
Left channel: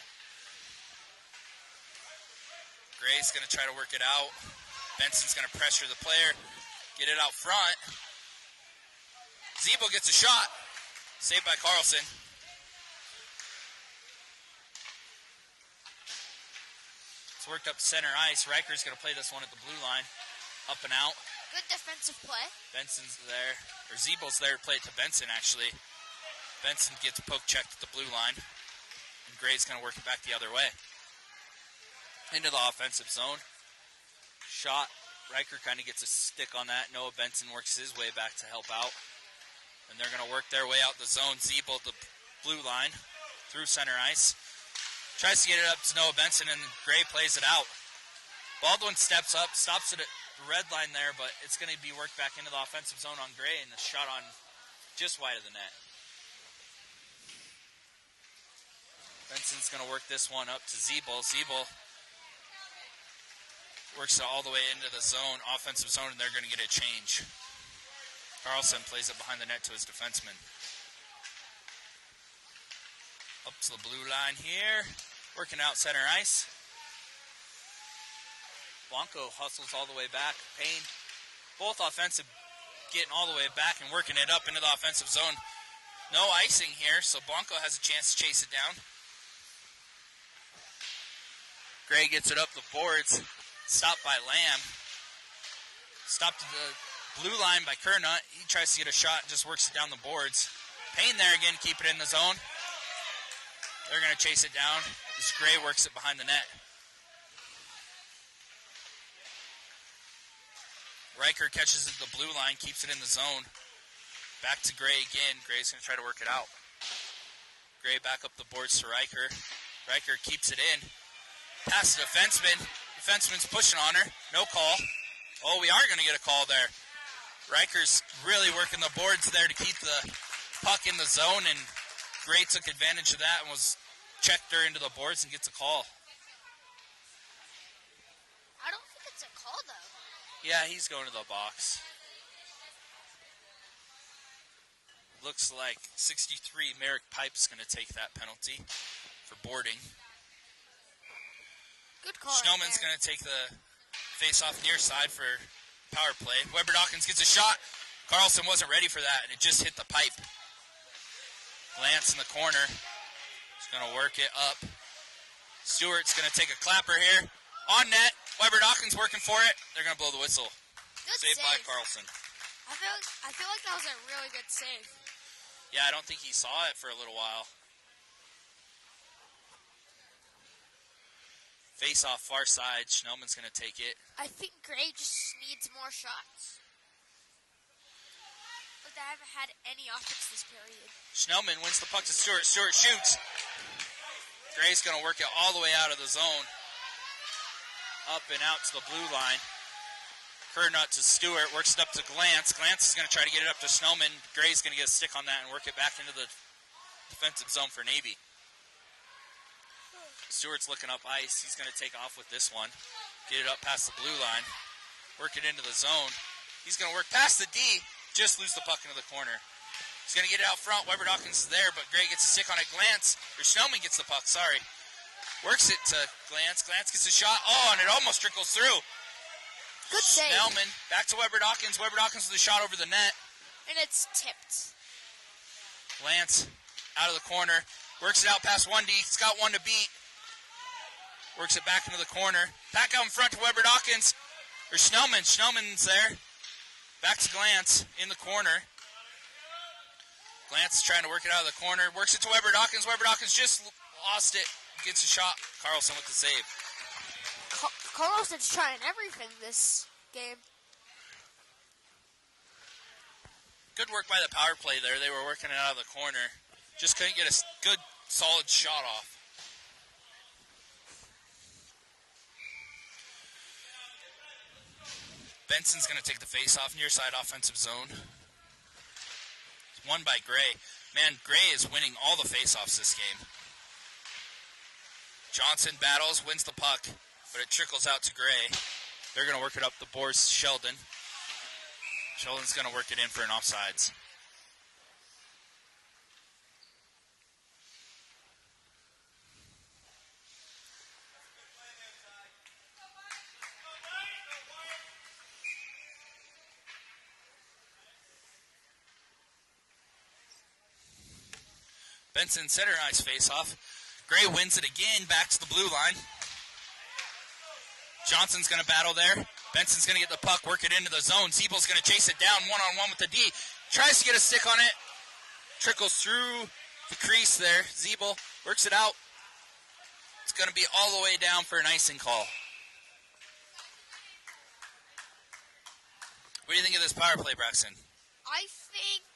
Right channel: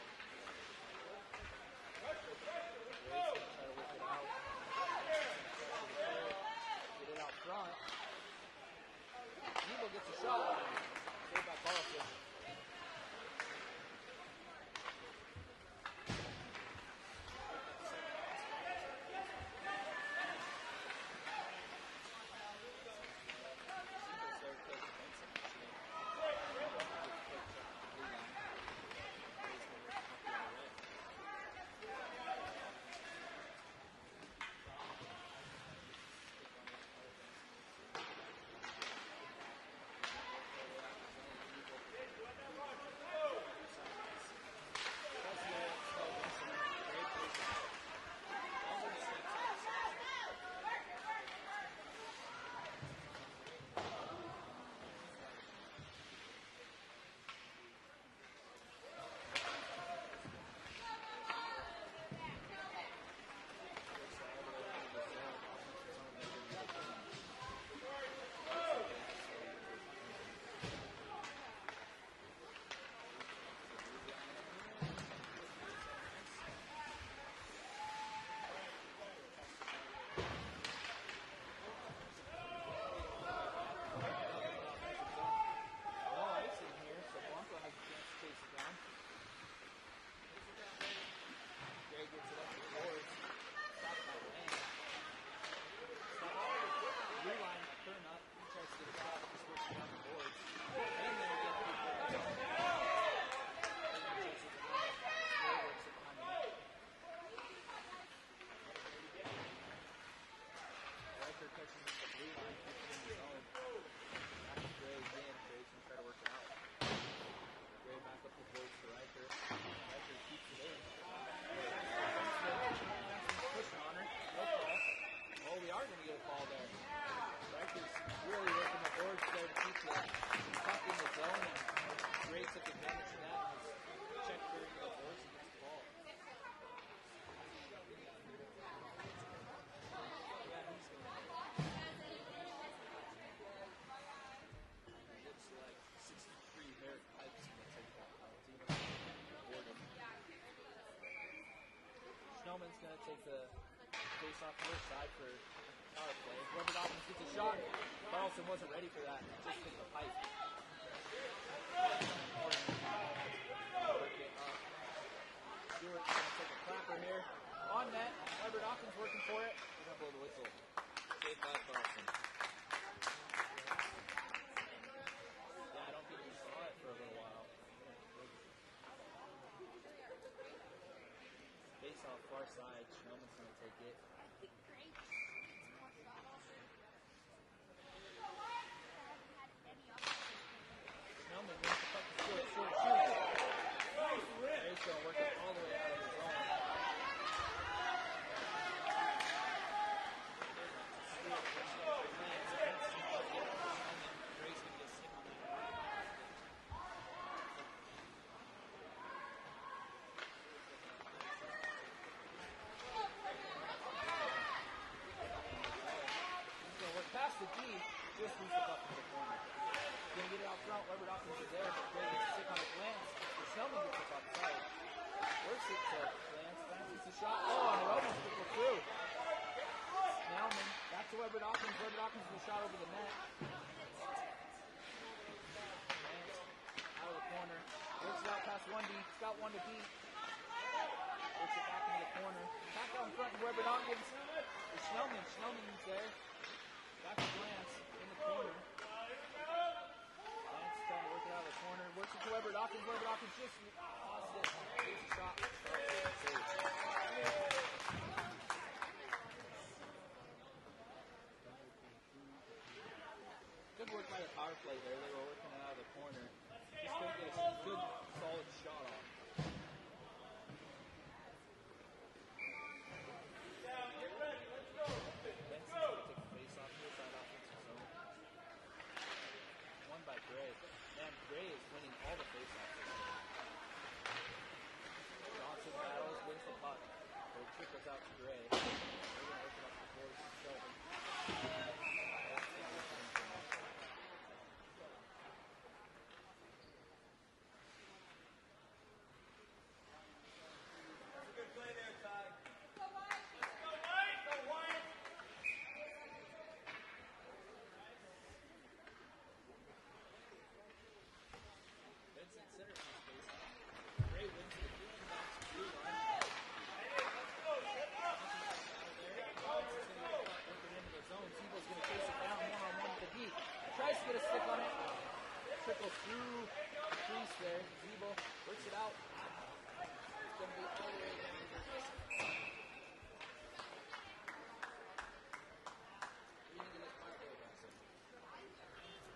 Gray's going to try to work it out. Benson's going to pressure the player. Get it out front. Zebo gets a shot. Saved by Carlson. It's worked up to center ice. Riker's going to play this one at the blue line. Up and out. Good defensive play. Benson's there. Or Zebo's there to play it to Benson, actually. Benson gets poke checked at the blue line. And Gray's going to work it back the other way. Into the offensive zone. Shot. Riker kind of gets a stick on that. Noah Benson works his way back to help out. And they're going to work their way out the zone. Zebo at the blue line through center ice. Tries to get it up to Noah Benson, and Gray plays it out. Baldwin steps up, stops it at the red line there, but it's going to be worked back into the offensive zone on Gray, and the shot on just wide of the net. Benson's going to work this one up to Zebel. Zebel works it all the way into the zone, offensive zone, and they're going to get a change. Carlson plays it behind the net to his defenseman. Up to the blue line here. Working out center ice. Blanco hustles all the way back. Payne, both offensive, getting all the way back and working it up into the offensive zone. No icing here, so Blanco has a chance to chase it down. Gray gets it up the boards. Stopped by Lamb. Stopped to the blue line by Kernut. He tries to get a shot, just works it down the boards. Payne there again, keep it in the zone. They're going to chase it down as Gray works it behind the net. Riker catches it at the blue line, keeps it in the zone. Back to Gray again. Gray's going to try to work it out. Gray back up the boards to Riker. Riker keeps it in. Pass to defenseman. Defenseman's pushing on her. No call. Oh, we are going to get a call there. Riker's really working the boards there to keep the puck in the zone, and Gray took advantage of that and was checked her into the boards and gets a call. I don't think it's a call, though. Yeah, he's going to the box. Looks like 63 Merrick Pipe's going to take that penalty for boarding. Good call. Schnellman's going to take the face-off near side for power play. Weber Dawkins gets a shot. Carlson wasn't ready for that, and it just hit the pipe. Lance in the corner. He's going to work it up. Stewart's going to take a clapper here. On net. Weber Dawkins working for it. They're going to blow the whistle. Good Saved save. by Carlson. I feel like that was a really good save. Yeah, I don't think he saw it for a little while. Face off far side. Schnellman's going to take it. I think Gray just needs more shots. But they haven't had any offense this period. Schnellman wins the puck to Stewart. Stewart shoots. Gray's going to work it all the way out of the zone. Up and out to the blue line. Kernut to Stewart. Works it up to Glantz. Glantz is going to try to get it up to Schnellman. Gray's going to get a stick on that and work it back into the defensive zone for Navy. Stewart's looking up ice. He's going to take off with this one. Get it up past the blue line. Work it into the zone. He's going to work past the D. Just lose the puck into the corner. He's going to get it out front. Weber Dawkins is there, but Gray gets a stick on it. Schnellman gets the puck, sorry. Works it to Glantz. Glantz gets a shot. Oh, and it almost trickles through. Good save. Schnellman back to Weber Dawkins. Weber Dawkins with a shot over the net. And it's tipped. Glantz out of the corner. Works it out past 1D. He's got one to beat. Works it back into the corner. Back out in front to Weber Dawkins. Or Schnellman. Schnellman's there. Back to Glantz in the corner. Glantz is trying to work it out of the corner. Works it to Weber Dawkins. Weber Dawkins just lost it. Gets a shot. Carlson with the save. Carlson's trying everything this game. Good work by the power play there. They were working it out of the corner. Just couldn't get a good, solid shot off. Benson's going to take the face-off, near side offensive zone. It's won by Gray. Man, Gray is winning all the face-offs this game. Johnson battles, wins the puck, but it trickles out to Gray. They're going to work it up the boards. Sheldon. Sheldon's going to work it in for an offsides. Benson center ice face-off. Gray wins it again, back to the blue line. Johnson's going to battle there. Benson's going to get the puck, work it into the zone. Siebel's going to chase it down one-on-one with the D. Tries to get a stick on it. Trickles through the crease there. Siebel works it out. It's going to be all the way down for an icing call. What do you think of this power play, Braxton? I think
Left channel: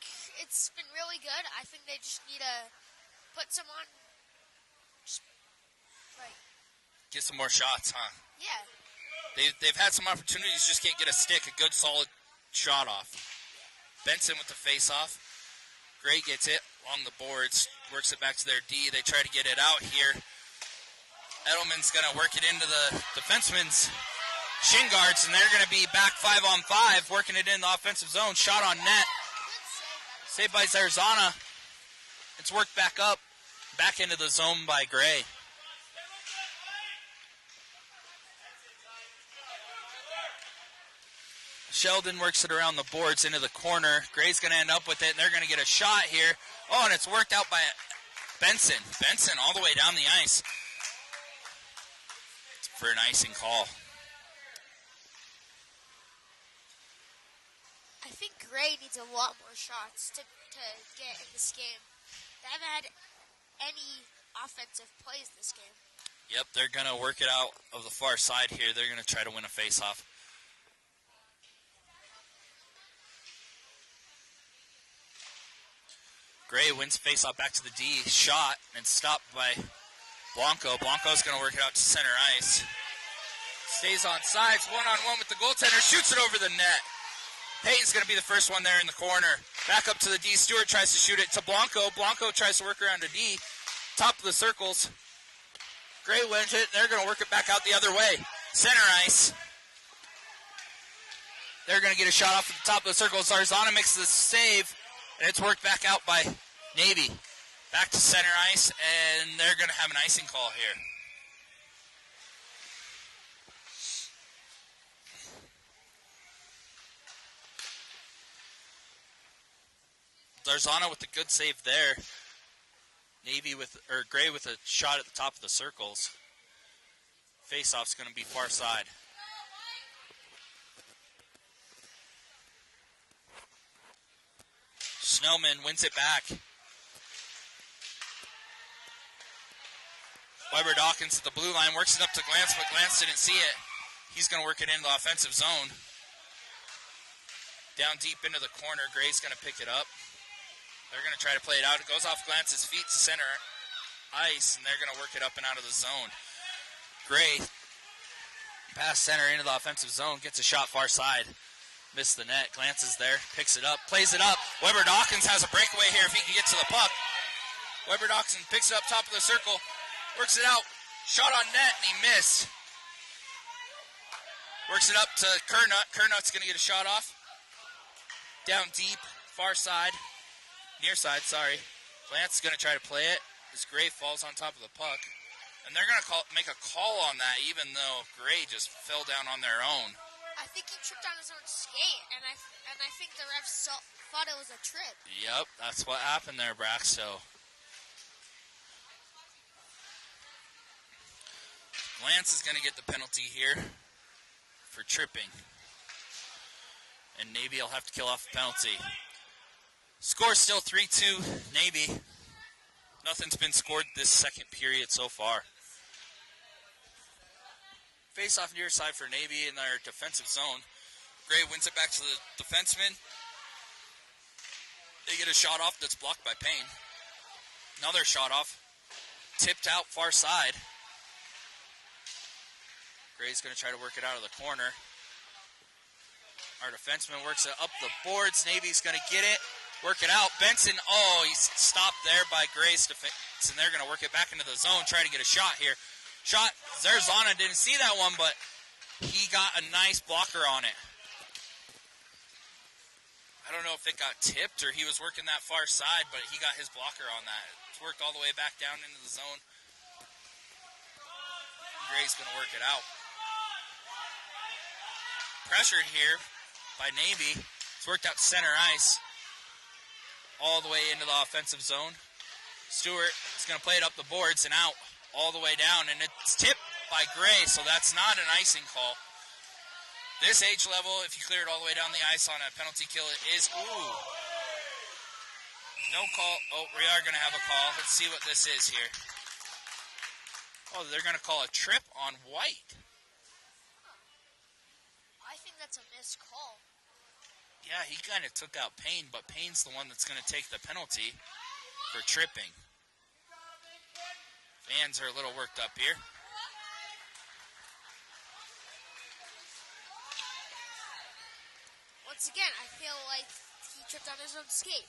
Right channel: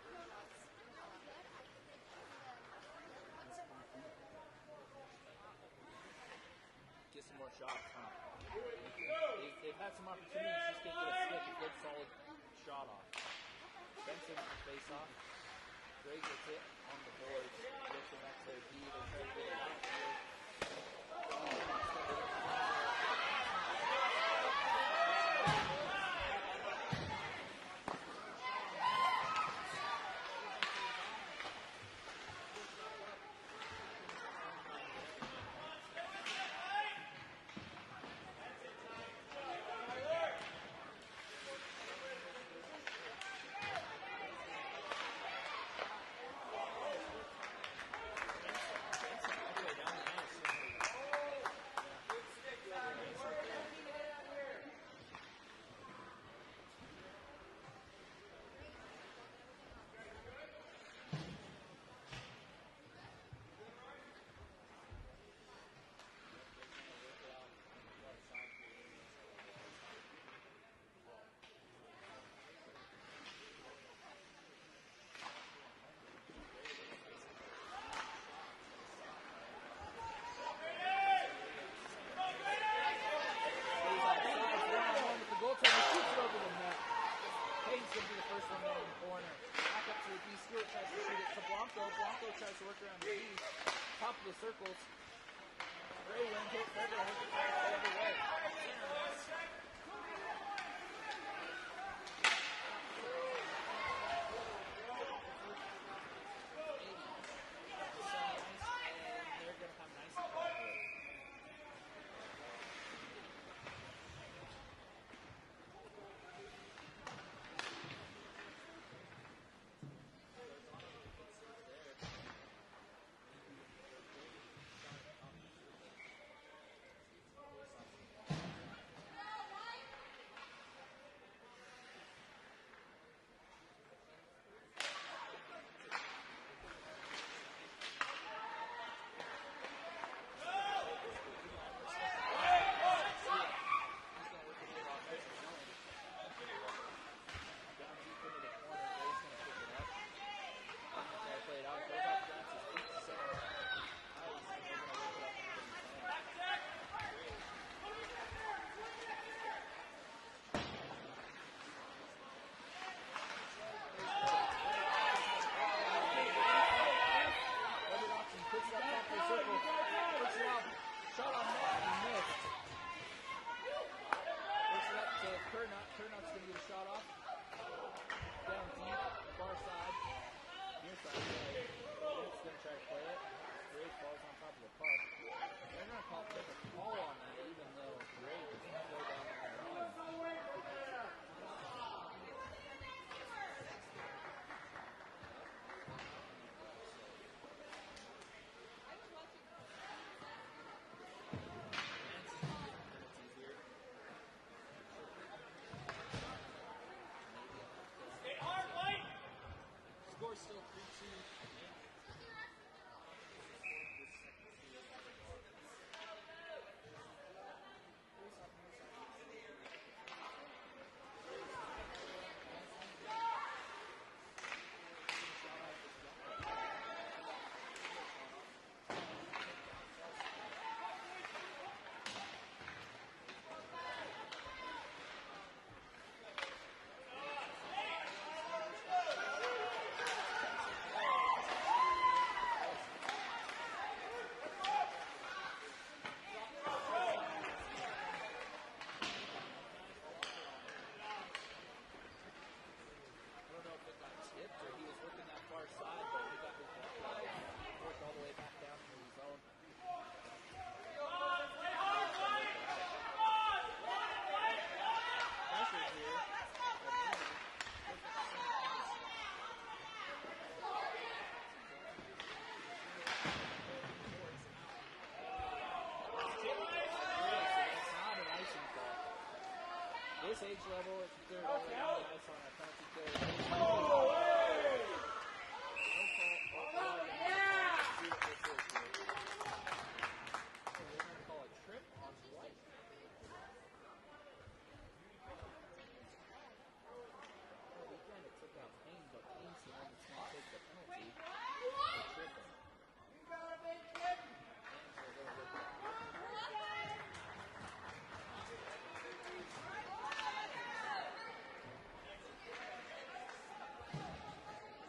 it's been really good. I think they just need to put some on. Get some more shots, huh? Yeah. They've had some opportunities, just can't get a stick, a good solid shot off. Benson with the face-off. Gray gets it on the boards, works it back to their D. They try to get it out here. Edelman's going to work it into the defenseman's shin guards, and they're going to be back 5-on-5, working it in the offensive zone. Shot on net. Saved by Zarzana. It's worked back up, back into the zone by Gray. Sheldon works it around the boards into the corner. Gray's going to end up with it, and they're going to get a shot here. Oh, and it's worked out by Benson. Benson all the way down the ice for an icing call. I think Gray needs a lot more shots to get in this game. They haven't had any offensive plays this game. Yep, they're going to work it out of the far side here. They're going to try to win a face-off. Gray wins face-off back to the D. Shot and stopped by Blanco. Blanco's going to work it out to center ice. Stays on sides, one-on-one with the goaltender. Shoots it over the net. Payton's going to be the first one there in the corner. Back up to the D. Stewart tries to shoot it to Blanco. Blanco tries to work around to D. Top of the circles. Gray wins it, and they're going to work it back out the other way. Center ice. They're going to get a shot off at the top of the circle. Zarzana makes the save, and it's worked back out by Navy. Back to center ice, and they're going to have an icing call here. Zarzana with a good save there. Gray with a shot at the top of the circles. Face-off's going to be far side. Snowman wins it back. Weber Dawkins at the blue line, works it up to Glance, but Glance didn't see it. He's going to work it into the offensive zone. Down deep into the corner, Gray's going to pick it up. They're going to try to play it out. It goes off Glance's feet to center ice, and they're going to work it up and out of the zone. Gray, pass center into the offensive zone, gets a shot far side. Missed the net. Glance is there, picks it up, plays it up. Weber Dawkins has a breakaway here if he can get to the puck. Weber Dawkins picks it up top of the circle, works it out. Shot on net, and he missed. Works it up to Kernut. Kernut's going to get a shot off. Down deep, far side. Near side, sorry. Glance is going to try to play it. This Gray falls on top of the puck. And they're going to make a call on that, even though Gray just fell down on their own. I think he tripped on his own skate, and I think the refs thought it was a trip. Yep, that's what happened there, Braxto. Glance is going to get the penalty here for tripping. And Navy will have to kill off the penalty. Score still 3-2 Navy. Nothing's been scored this second period so far. Face off near side for Navy in their defensive zone. Gray wins it back to the defenseman. They get a shot off that's blocked by Payne. Another shot off. Tipped out far side. Gray's going to try to work it out of the corner. Our defenseman works it up the boards. Navy's going to get it, work it out. Benson, he's stopped there by Gray's defense, and they're going to work it back into the zone, try to get a shot here. Shot, Zarzana didn't see that one, but he got a nice blocker on it. I don't know if it got tipped or he was working that far side, but he got his blocker on that. It's worked all the way back down into the zone. Gray's going to work it out. Pressured here by Navy. It's worked out to center ice. All the way into the offensive zone. Stewart is going to play it up the boards and out all the way down. And it's tipped by Gray, so that's not an icing call. This age level, if you clear it all the way down the ice on a penalty kill, it is. No call. Oh, we are going to have a call. Let's see what this is here. Oh, they're going to call a trip on White. Yeah, he kind of took out Payne, but Payne's the one that's going to take the penalty for tripping. Fans are a little worked up here. Once again, I feel like he tripped on his own skate.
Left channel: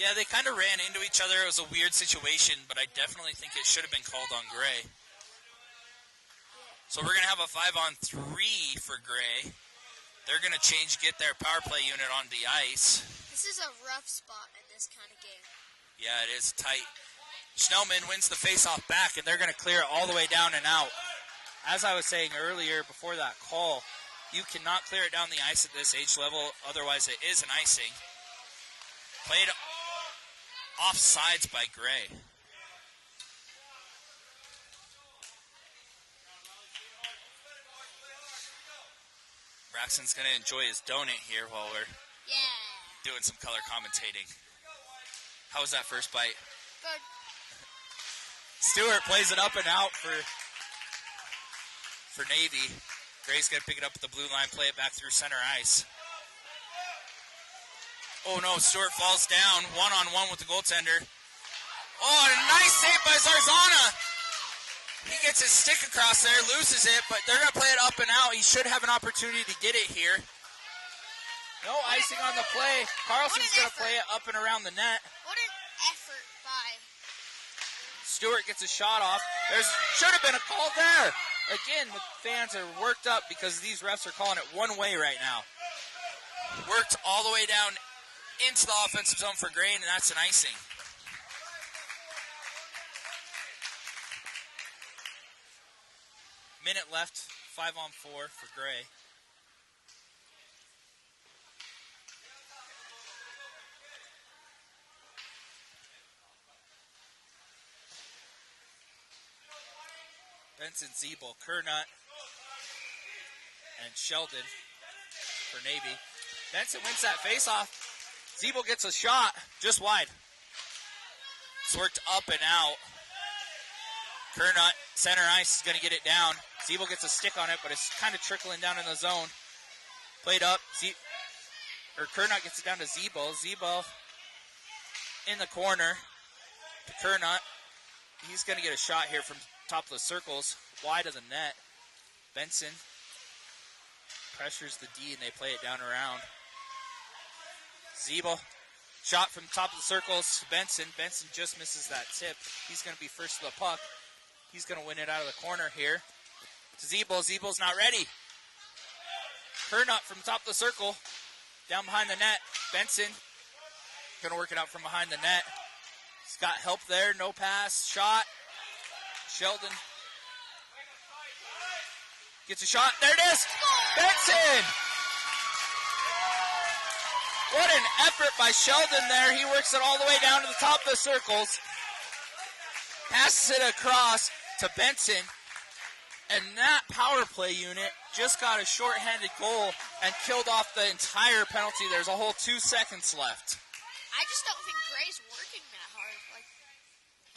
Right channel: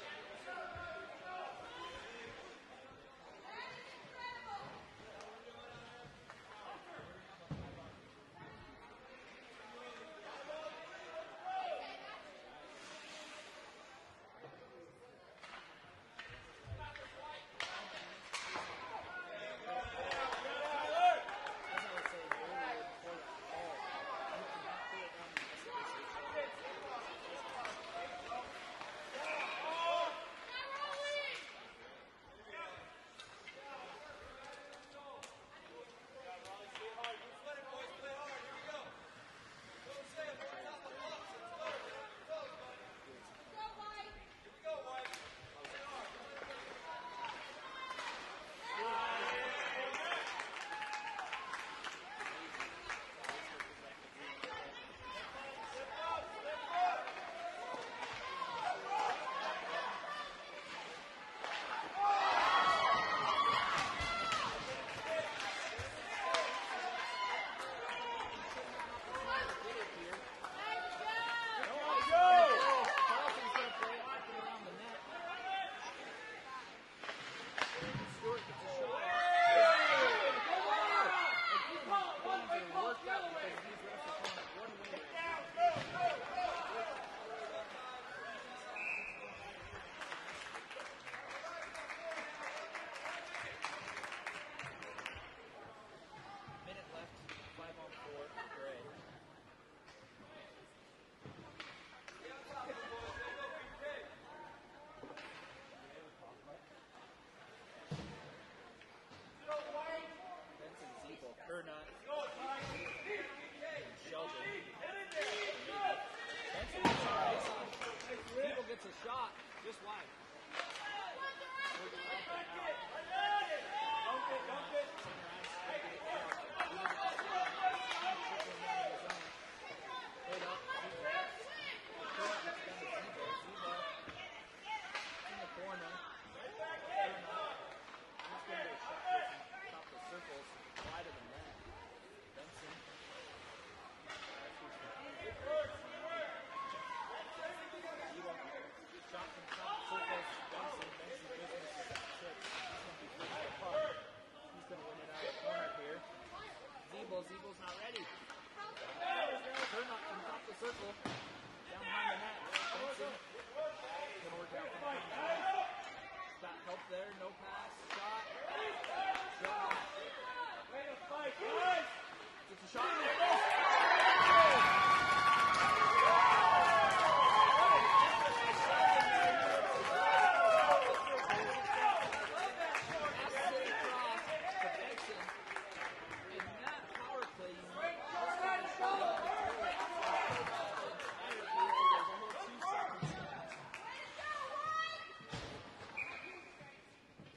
Yeah, they kind of ran into each other. It was a weird situation, but I definitely think it should have been called on Gray. So we're going to have a 5-on-3 for Gray. They're going to get their power play unit on the ice. This is a rough spot in this kind of game. Yeah, it is tight. Schnellman wins the faceoff back, and they're going to clear it all the way down and out. As I was saying earlier before that call, you cannot clear it down the ice at this age level, otherwise it is an icing. Played off sides by Gray. Braxton's going to enjoy his donut here while we're doing some color commentating. How was that first bite? Good. Stewart plays it up and out for Navy. Gray's going to pick it up at the blue line, play it back through center ice. Oh no, Stewart falls down, one-on-one with the goaltender. Oh, a nice save by Zarzana! He gets his stick across there, loses it, but they're going to play it up and out. He should have an opportunity to get it here. No icing on the play. Carlson's going to play it up and around the net. What an effort by... Stewart gets a shot off. There should have been a call there. Again, fans are worked up because these refs are calling it one way right now. Worked all the way down into the offensive zone for Gray, and that's an icing. Minute left, 5-on-4 for Gray. Benson, Zeeble, Kernut, and Sheldon for Navy. Benson wins that face-off. Zeeble gets a shot just wide. It's worked up and out. Kernut, center ice, is going to get it down. Zeeble gets a stick on it, but it's kind of trickling down in the zone. Played up. Kernut gets it down to Zeeble. Zeeble in the corner. Kernut. He's going to get a shot here from top of the circles, wide of the net. Benson pressures the D, and they play it down around. Zeeble, shot from top of the circles. Benson just misses that tip. He's going to be first to the puck. He's going to win it out of the corner here. Zeeble's not ready. Kernut from top of the circle, down behind the net. Benson going to work it out from behind the net. He's got help there, no pass, shot. Sheldon gets a shot, there it is! Benson! What an effort by Sheldon there. He works it all the way down to the top of the circles. Passes it across to Benson. And that power play unit just got a shorthanded goal and killed off the entire penalty. There's a whole 2 seconds left. I just don't think Gray's working that hard.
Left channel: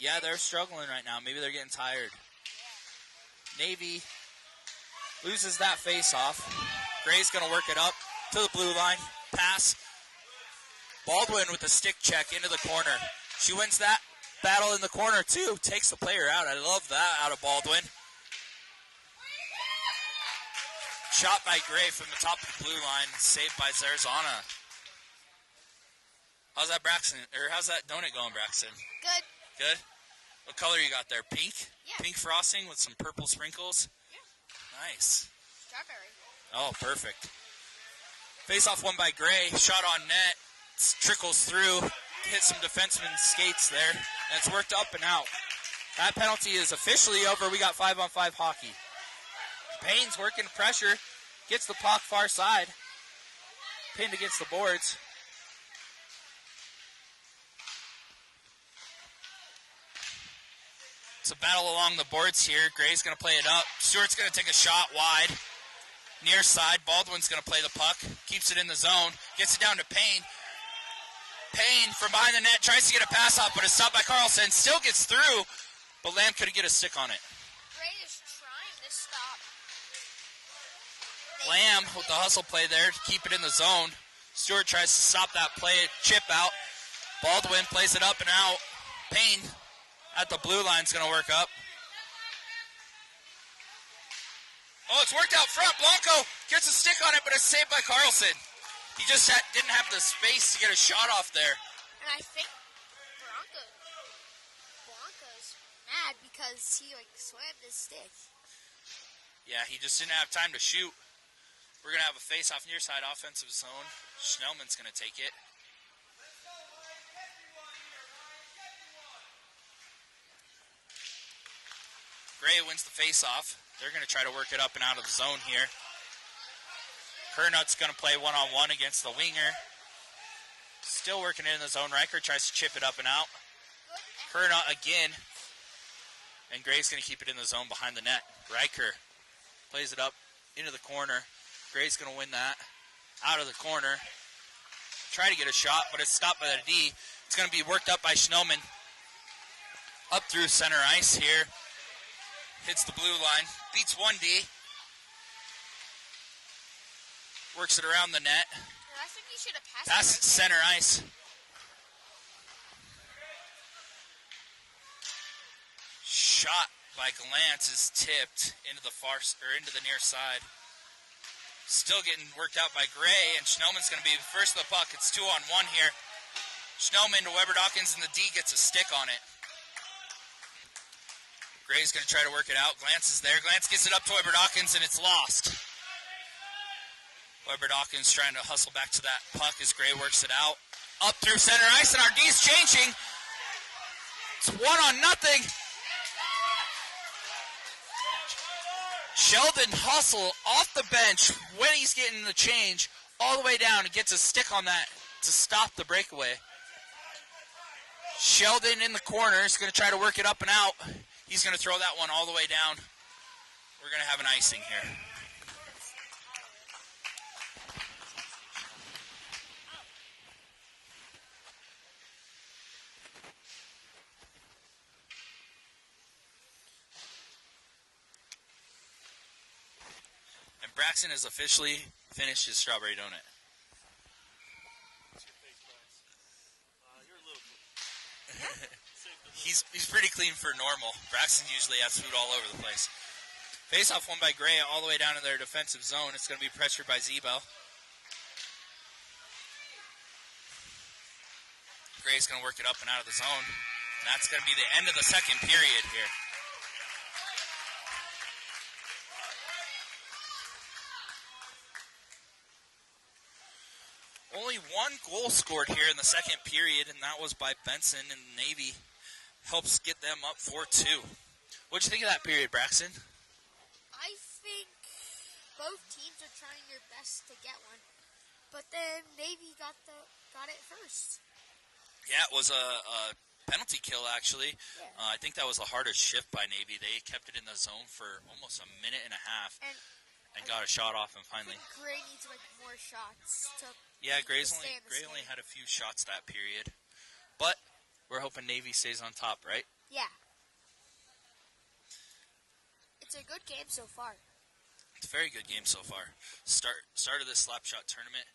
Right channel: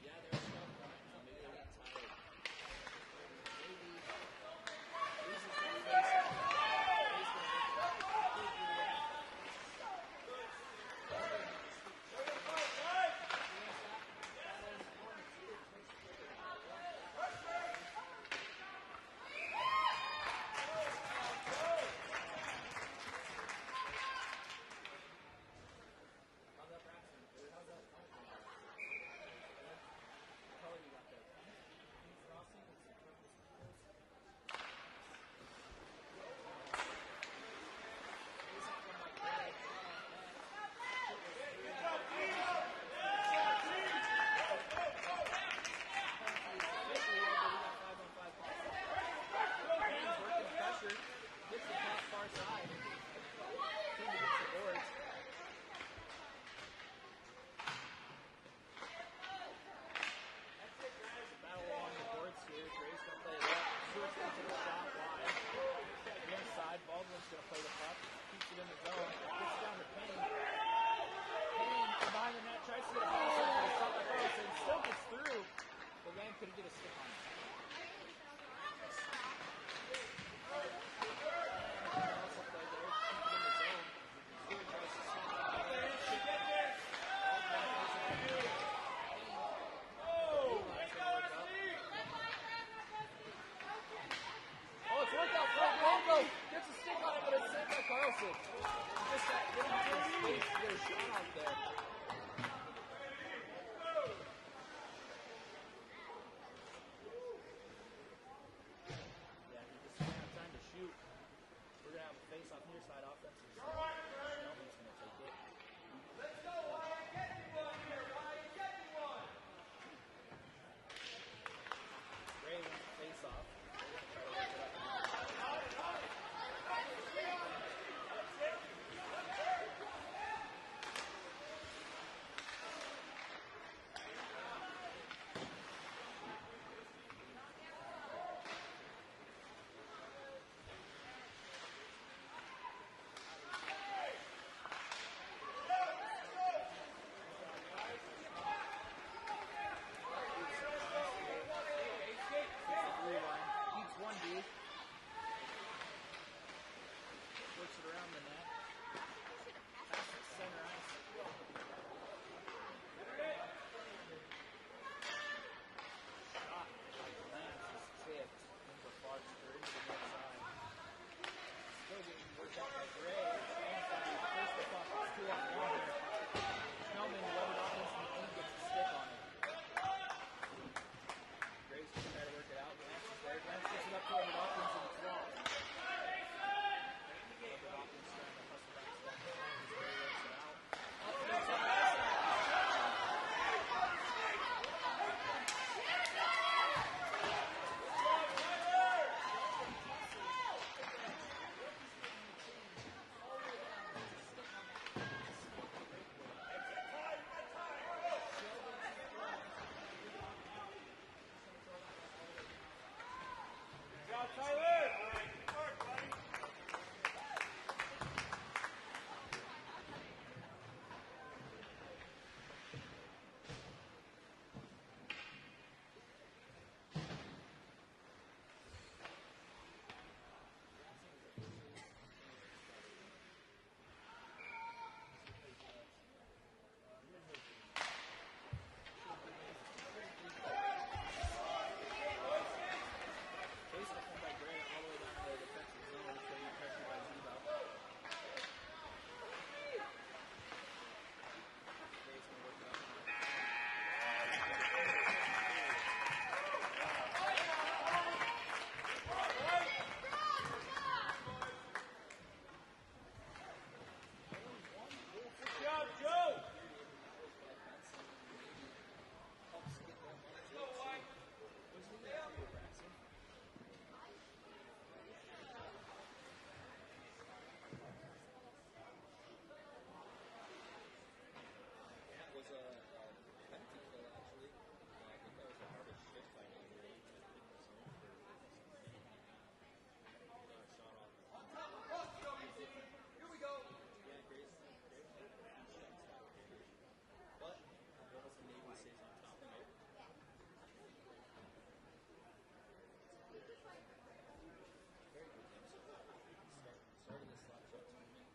Yeah, they're struggling right now. Maybe they're getting tired. Navy loses that face-off. Gray's going to work it up to the blue line. Pass. Baldwin with the stick check into the corner. She wins that battle in the corner, too. Takes the player out. I love that out of Baldwin. Shot by Gray from the top of the blue line. Saved by Zarzana. How's that donut going, Braxton? Good. Good? What color you got there? Pink? Yeah. Pink frosting with some purple sprinkles? Yeah. Nice. Strawberry. Oh, perfect. Face-off won by Gray. Shot on net. Trickles through. Hit some defenseman's skates there. And it's worked up and out. That penalty is officially over. We got 5-on-5 hockey. Payne's working pressure. Gets the puck far side. Pinned against the boards. It's a battle along the boards here. Gray's going to play it up. Stewart's going to take a shot wide. Near side. Baldwin's going to play the puck. Keeps it in the zone. Gets it down to Payne. Payne from behind the net tries to get a pass off, but it's stopped by Carlson. Still gets through, but Lamb couldn't get a stick on it. Gray is trying to stop. Lamb with the hustle play there to keep it in the zone. Stewart tries to stop that play, chip out. Baldwin plays it up and out. Payne at the blue line is going to work up. Oh, it's worked out front. Blanco gets a stick on it, but it's saved by Carlson. He just didn't have the space to get a shot off there. And I think Bronco's mad because he slammed his stick. Yeah, he just didn't have time to shoot. We're going to have a face-off near side offensive zone. Schnellman's going to take it. Gray wins the face-off. They're going to try to work it up and out of the zone here. Kernut's going to play one-on-one against the winger. Still working in the zone. Riker tries to chip it up and out. Kernut again. And Gray's going to keep it in the zone behind the net. Riker plays it up into the corner. Gray's going to win that out of the corner. Try to get a shot, but it's stopped by the D. It's going to be worked up by Schnellman. Up through center ice here. Hits the blue line. Beats one D. Works it around the net. I think he should have passed Pass it center ice. Shot by Glantz is tipped into the near side. Still getting worked out by Gray, and Schnellman's going to be first of the puck. It's 2-on-1 here. Schnellman to Weber Dawkins, and the D gets a stick on it. Gray's going to try to work it out. Glantz is there. Glantz gets it up to Weber Dawkins, and it's lost. Weber Dawkins trying to hustle back to that puck as Gray works it out. Up through center ice, and our D's changing. It's 1-0. Sheldon hustle off the bench when he's getting the change all the way down and gets a stick on that to stop the breakaway. Sheldon in the corner is going to try to work it up and out. He's going to throw that one all the way down. we're going to have an icing here. And Braxton has officially finished his strawberry donut. He's pretty clean for normal. Braxton usually has food all over the place. Face-off won by Gray all the way down to their defensive zone. It's going to be pressured by Zebo. Gray's going to work it up and out of the zone. That's going to be the end of the second period here. Only one goal scored here in the second period, and that was by Benson, and Navy helps get them up 4-2. What'd you think of that period, Braxton? I think both teams are trying their best to get one, but then Navy got it first. Yeah, it was a penalty kill, actually. I think that was the hardest shift by Navy. They kept it in the zone for almost a minute and a half and got a shot off, and finally. Gray needs like 4 shots. Yeah, Gray only had a few shots that period, but we're hoping Navy stays on top, right? Yeah. It's a good game so far. It's a very good game so far. Start of this Slapshot tournament.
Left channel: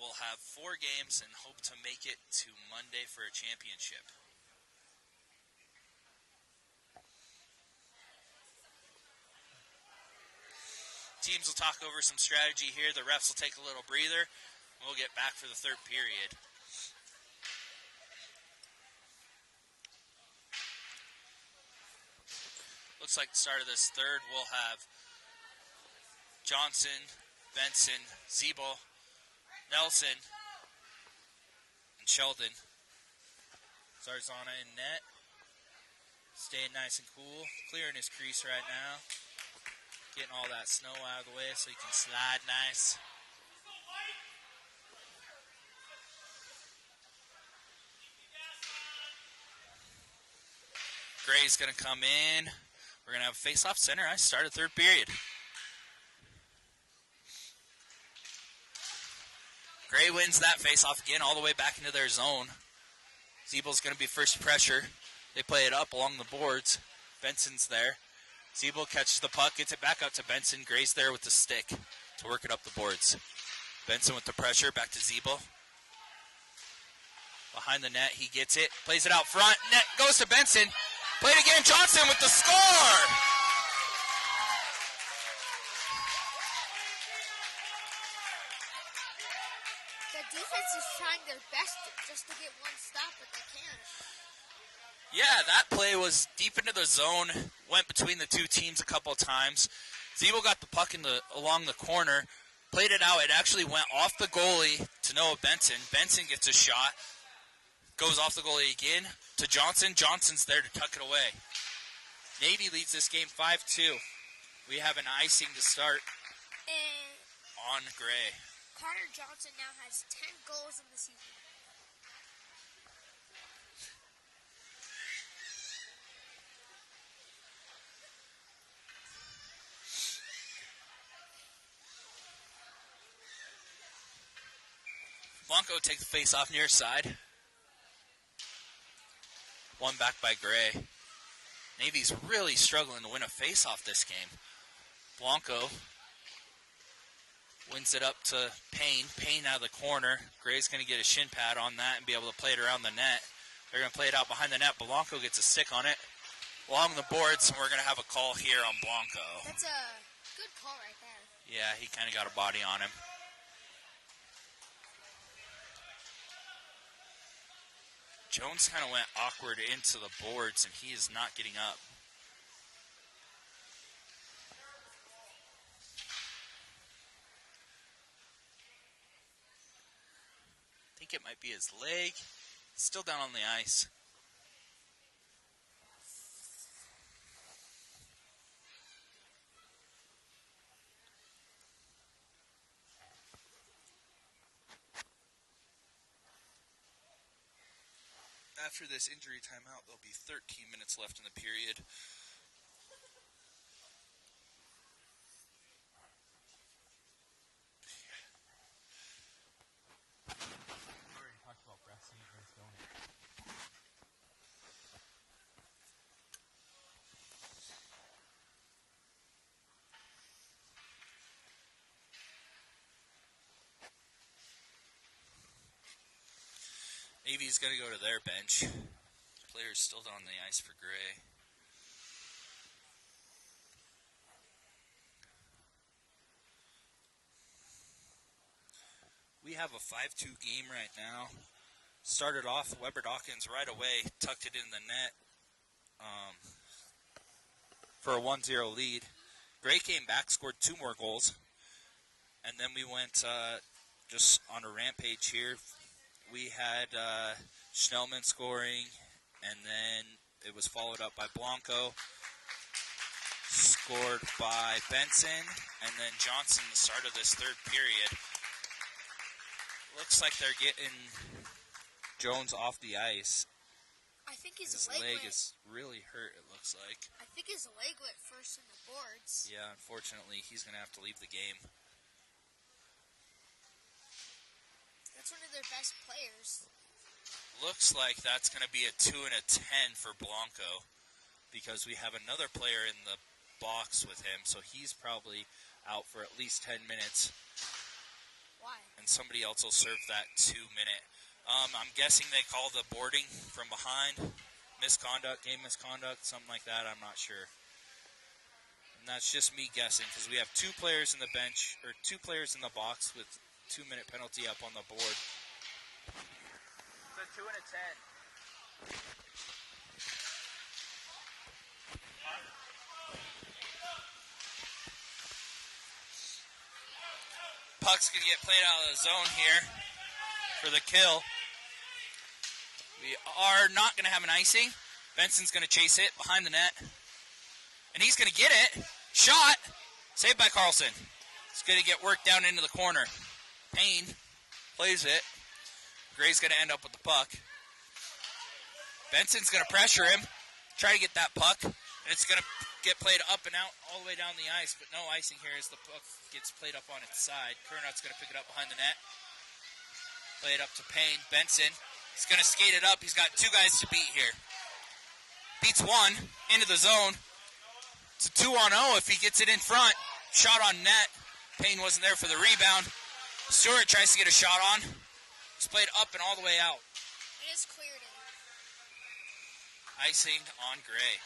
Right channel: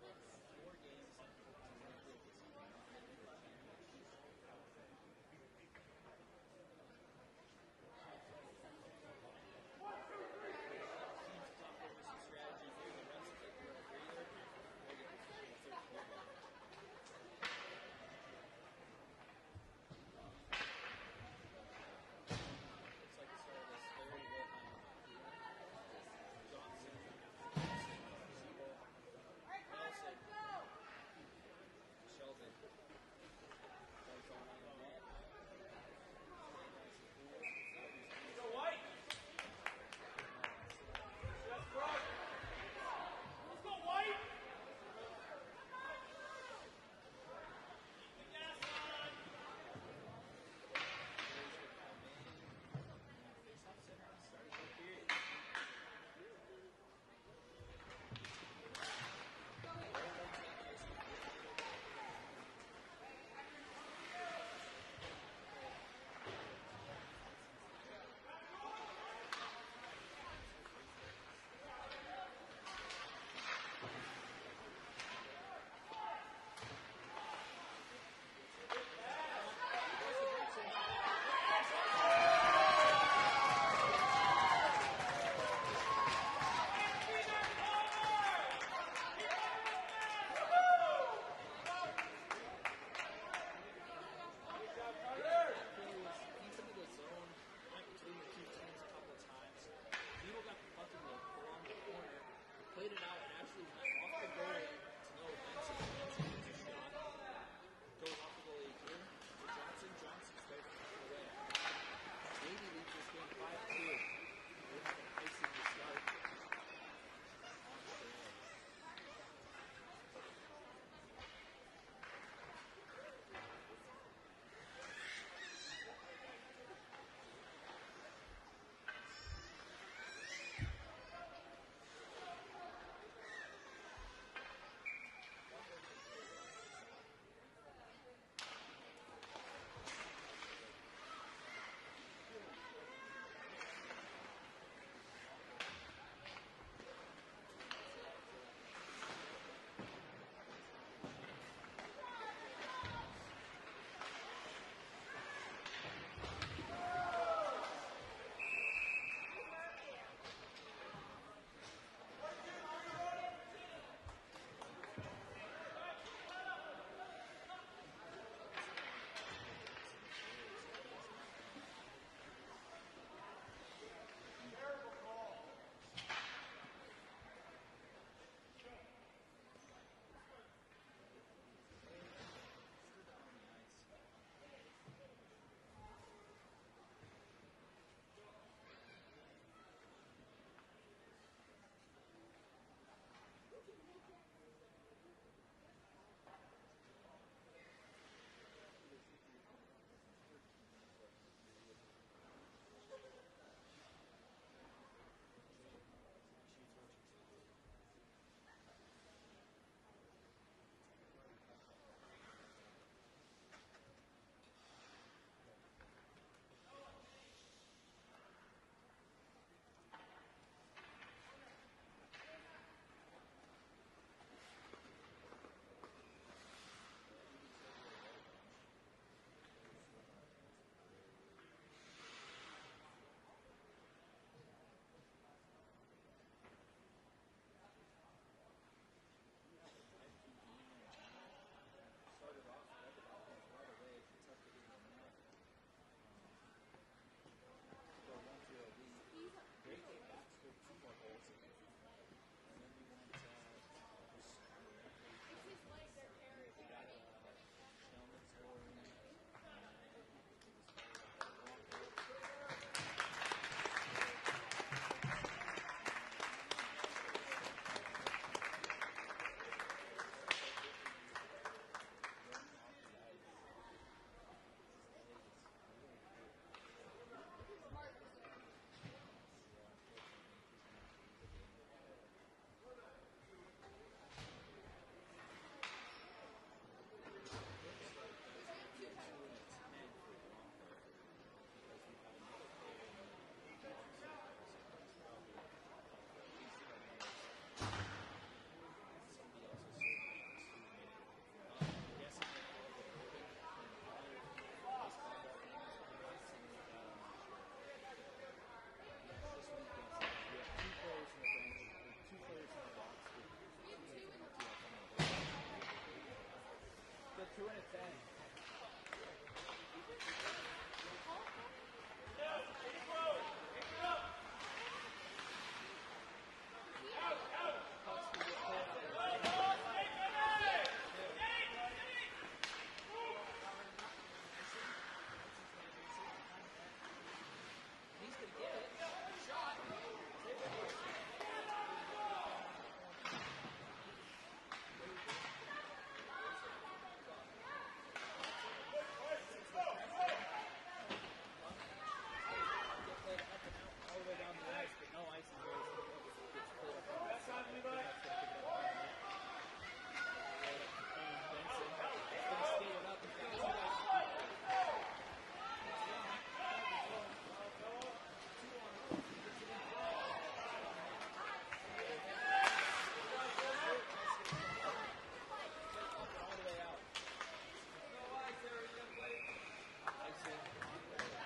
We'll have 4 games and hope to make it to Monday for a championship. Teams will talk over some strategy here. The refs will take a little breather. We'll get back for the third period. Looks like the start of this third, we'll have Johnson, Benson, Zeeble, Nelson, and Sheldon. Zarzana in net. Staying nice and cool. Clearing his crease right now. Getting all that snow out of the way so he can slide nice. Gray's going to come in. We're going to have face-off center ice, started third period. Gray wins that face-off again all the way back into their zone. Zeebel's going to be first pressure. They play it up along the boards. Benson's there. Zeebel catches the puck, gets it back out to Benson. Gray's there with the stick to work it up the boards. Benson with the pressure, back to Zeebel. Behind the net, he gets it, plays it out front. Net goes to Benson. Played again, Johnson with the score! The defense is trying their best just to get one stop, but they can't. Yeah, that play was deep into the zone, went between the two teams a couple of times. Zeebel got the puck along the corner, played it out. It actually went off the goalie to Noah Benson. Benson gets a shot, goes off the goalie again to Johnson. Johnson's there to tuck it away. Navy leads this game 5-2. We have an icing to start And on Gray. Connor Johnson now has 10 goals in the season. Blanco takes the face off near side. One back by Gray. Navy's really struggling to win a face-off this game. Blanco wins it up to Payne. Payne out of the corner. Gray's going to get a shin pad on that and be able to play it around the net. They're going to play it out behind the net. Blanco gets a stick on it along the boards, and we're going to have a call here on Blanco. That's a good call right there. Yeah, he kind of got a body on him. Jones kind of went awkward into the boards, and he is not getting up. I think it might be his leg. Still down on the ice. After this injury timeout, there'll be 13 minutes left in the period. Navy's going to go to their bench. Players still on the ice for Gray. We have a 5-2 game right now. Started off, Weber Dawkins right away tucked it in the net for a 1-0 lead. Gray came back, scored 2 more goals. And then we went just on a rampage here. We had Schnellman scoring, and then it was followed up by Blanco. Scored by Benson, and then Johnson the start of this third period. Looks like they're getting Jones off the ice. I think his leg is really hurt, it looks like. I think his leg went first in the boards. Yeah, unfortunately, he's going to have to leave the game. That's one of their best players. Looks like that's going to be a 2 and a 10 for Blanco, because we have another player in the box with him, so he's probably out for at least 10 minutes. Why? And somebody else will serve that 2-minute. I'm guessing they call the boarding from behind, misconduct, game misconduct, something like that. I'm not sure. And that's just me guessing, because we have 2 players in the bench, or 2 players in the box with 2-minute penalty up on the board. It's a 2 and a 10. Puck's going to get played out of the zone here for the kill. We are not going to have an icing. Benson's going to chase it behind the net. And he's going to get it. Shot. Saved by Carlson. It's going to get worked down into the corner. Payne plays it. Gray's going to end up with the puck. Benson's going to pressure him. Try to get that puck. And it's going to get played up and out all the way down the ice. But no icing here as the puck gets played up on its side. Kernot's going to pick it up behind the net. Play it up to Payne. Benson is going to skate it up. He's got 2 guys to beat here. Beats 1 into the zone. It's a 2-on-0 if he gets it in front. Shot on net. Payne wasn't there for the rebound. Stewart tries to get a shot on. It's played up and all the way out. It is cleared. Icing on Gray.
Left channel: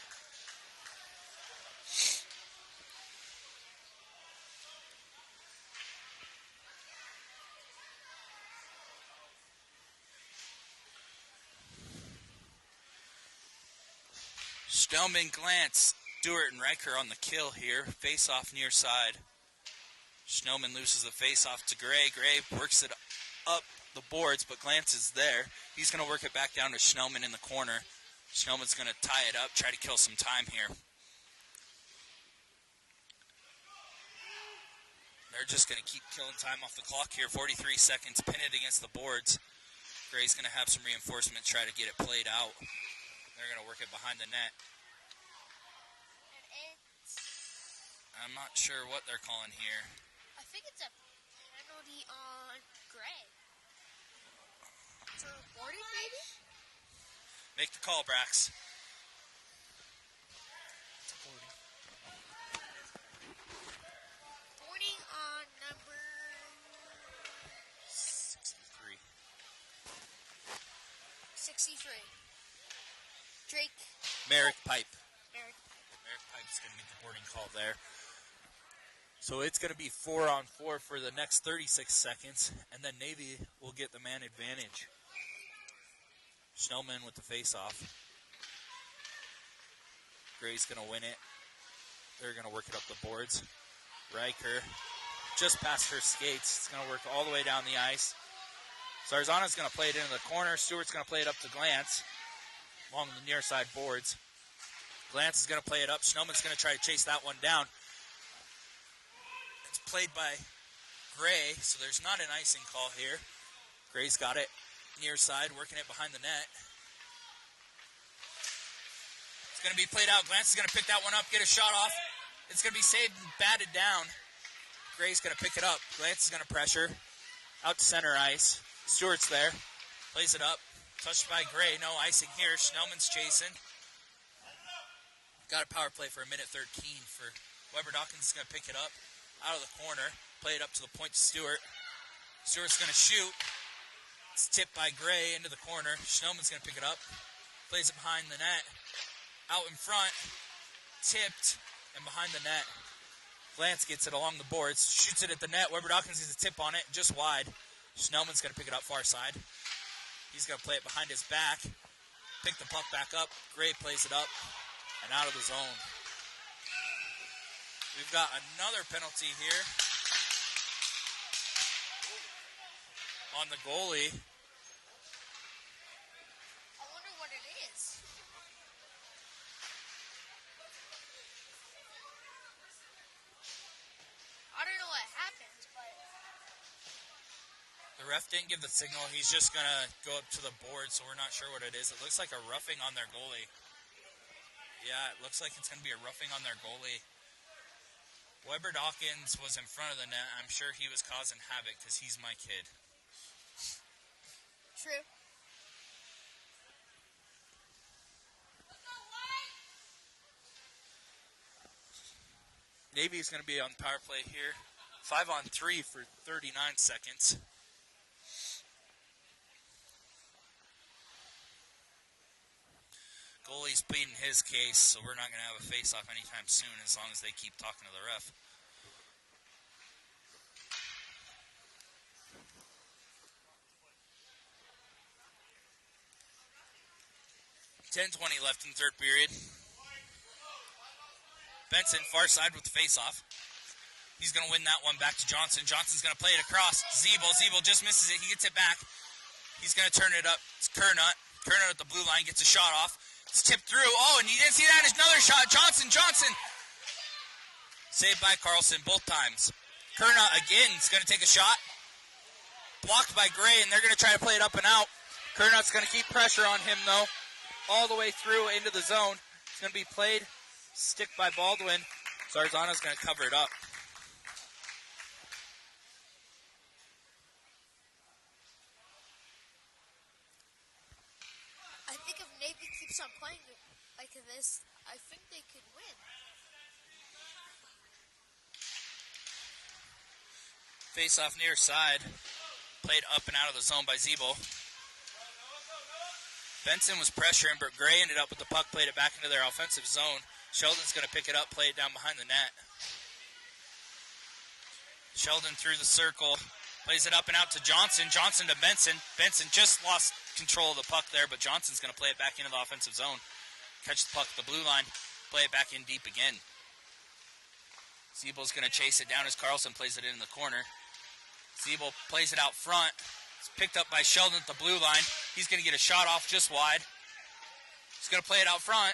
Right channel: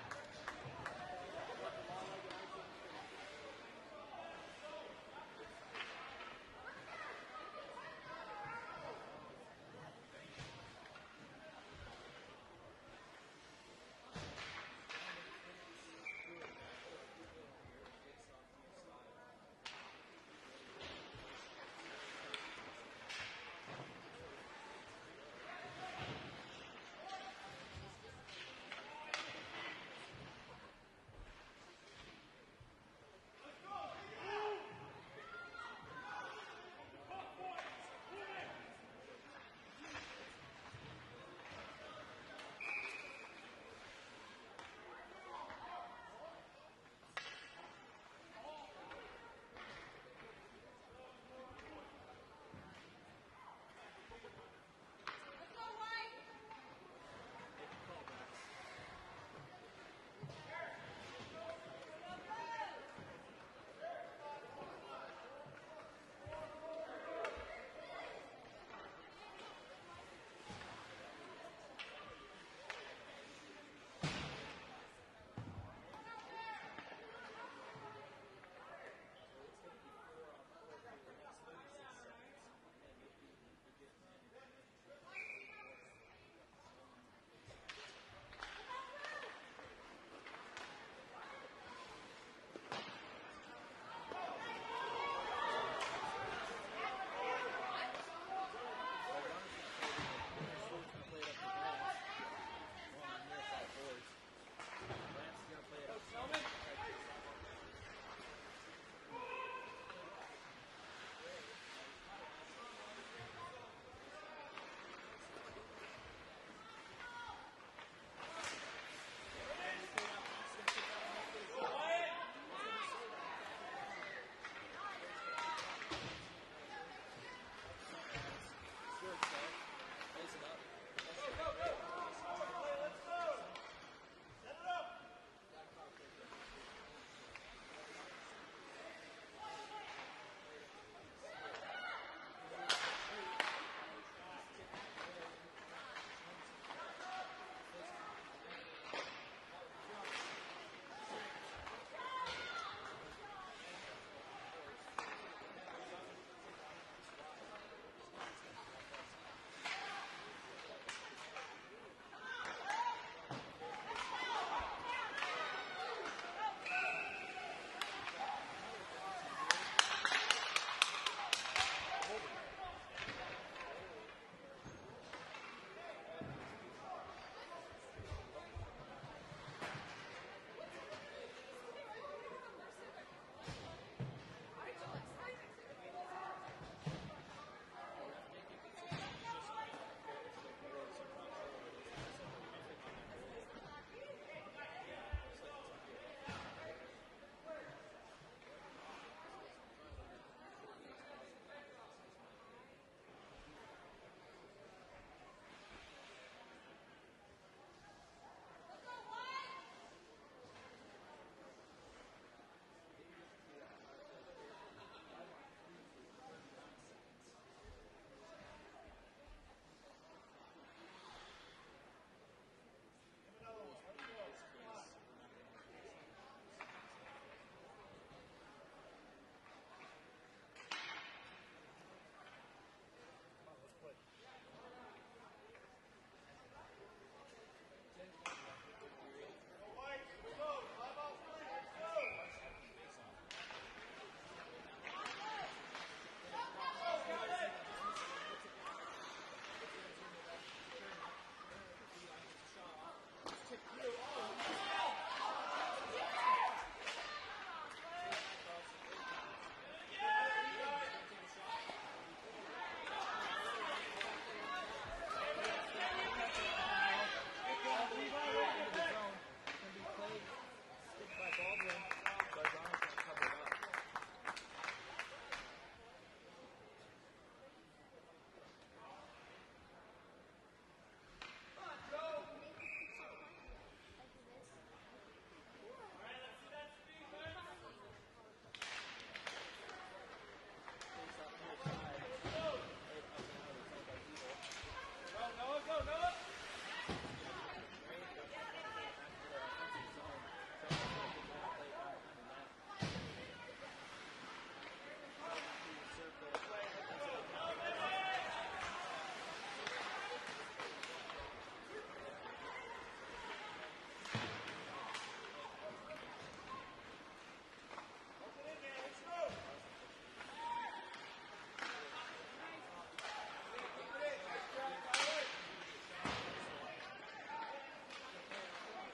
Stelman glance. Stewart and Riker on the kill here. Face off near side. Schnellman loses the face off to Gray. Gray works it up the boards, but Glance is there. He's going to work it back down to Schnellman in the corner. Schnellman's going to tie it up, try to kill some time here. They're just going to keep killing time off the clock here. 43 seconds pinned against the boards. Gray's going to have some reinforcements, try to get it played out. They're going to work it behind the net. I'm not sure what they're calling here. I think it's a penalty on Gray. It's on the boarding, maybe? Make the call, Brax. Boarding on number 63. 63. Drake. Merrick Pipe. Merrick Pipe is going to get the boarding call there. So it's going to be 4-on-4 for the next 36 seconds, and then Navy will get the man advantage. Schnellman with the face-off. Gray's going to win it. They're going to work it up the boards. Riker just past her skates. It's going to work all the way down the ice. Zarzana's going to play it into the corner. Stewart's going to play it up to Glance along the near side boards. Glance is going to play it up. Schnellman's going to try to chase that one down. It's played by Gray, so there's not an icing call here. Gray's got it near side, working it behind the net. It's going to be played out. Glance is going to pick that one up, get a shot off. It's going to be saved and batted down. Gray's going to pick it up. Glance is going to pressure. Out to center ice. Stewart's there. Plays it up. Touched by Gray. No icing here. Schnellman's chasing. Got a power play for a minute 13 for Weber Dawkins. Is going to pick it up out of the corner. Play it up to the point to Stewart. Stewart's going to shoot. It's tipped by Gray into the corner. Schnellman's going to pick it up. Plays it behind the net. Out in front. Tipped and behind the net. Lance gets it along the boards. Shoots it at the net. Weber Dawkins gets a tip on it. Just wide. Schnellman's going to pick it up far side. He's going to play it behind his back. Pick the puck back up. Gray plays it up and out of the zone. We've got another penalty here on the goalie. I wonder what it is. I don't know what happened, but The ref didn't give the signal. He's just going to go up to the board, so we're not sure what it is. It looks like a roughing on their goalie. Yeah, it looks like it's going to be a roughing on their goalie. Weber Dawkins was in front of the net. I'm sure he was causing havoc because he's my kid. true. Navy's going to be on the power play here. 5-on-3 for 39 seconds. Goalie's pleading his case, so we're not going to have a face-off anytime soon as long as they keep talking to the ref. $10:20 left in the third period. Benson, far side with the face-off. He's going to win that one back to Johnson. Johnson's going to play it across. Zeeble just misses it. He gets it back. He's going to turn it up. It's Kernut. Kernut at the blue line gets a shot off. It's tipped through. Oh, and you didn't see that. It's another shot. Johnson. Saved by Carlson both times. Kernut again is going to take a shot. Blocked by Gray, and they're going to try to play it up and out. Kernut's going to keep pressure on him, though, all the way through into the zone. It's going to be played. Stick by Baldwin. Zarzano's going to cover it up. I think if Navy keeps on playing like this, I think they could win. Face off near side. Played up and out of the zone by Zeeble. Benson was pressuring, but Gray ended up with the puck, played it back into their offensive zone. Sheldon's going to pick it up, play it down behind the net. Sheldon through the circle, plays it up and out to Johnson. Johnson to Benson. Benson just lost control of the puck there, but Johnson's going to play it back into the offensive zone. Catch the puck at the blue line, play it back in deep again. Zeeble's going to chase it down as Carlson plays it in the corner. Zeeble plays it out front. It's picked up by Sheldon at the blue line. He's going to get a shot off just wide. He's going to play it out front.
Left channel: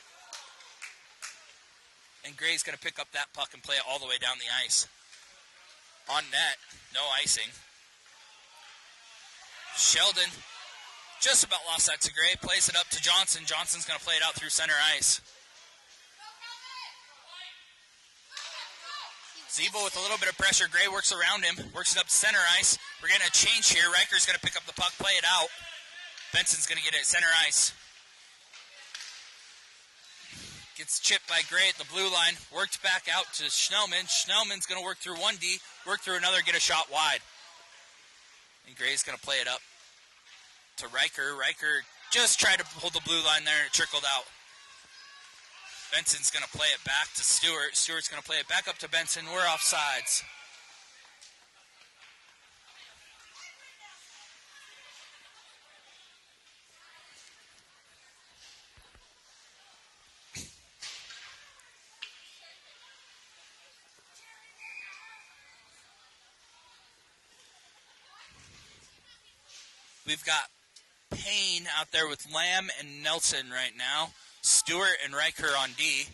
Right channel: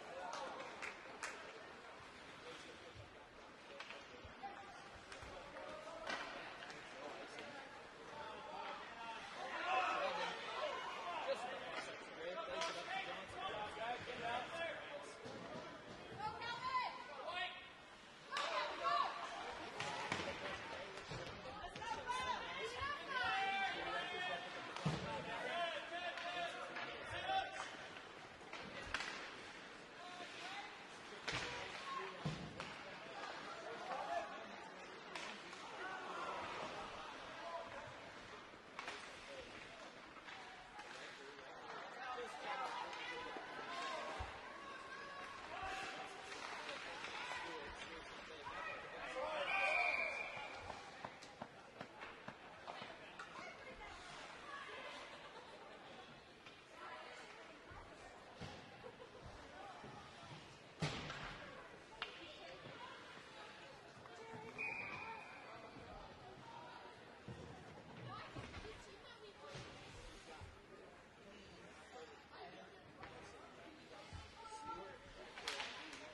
And Gray's going to pick up that puck and play it all the way down the ice. On net, no icing. Sheldon just about lost that to Gray. Plays it up to Johnson. Johnson's going to play it out through center ice. Zeeble with a little bit of pressure. Gray works around him. Works it up to center ice. We're getting a change here. Riker's going to pick up the puck, play it out. Benson's going to get it at center ice. Gets chipped by Gray at the blue line. Worked back out to Schnellman. Schnellman's going to work through one D. Work through another, get a shot wide. And Gray's going to play it up to Riker. Riker just tried to hold the blue line there and it trickled out. Benson's going to play it back to Stewart. Stewart's going to play it back up to Benson. We're offsides. We've got Payne out there with Lamb and Nelson right now. Stewart and Riker on D.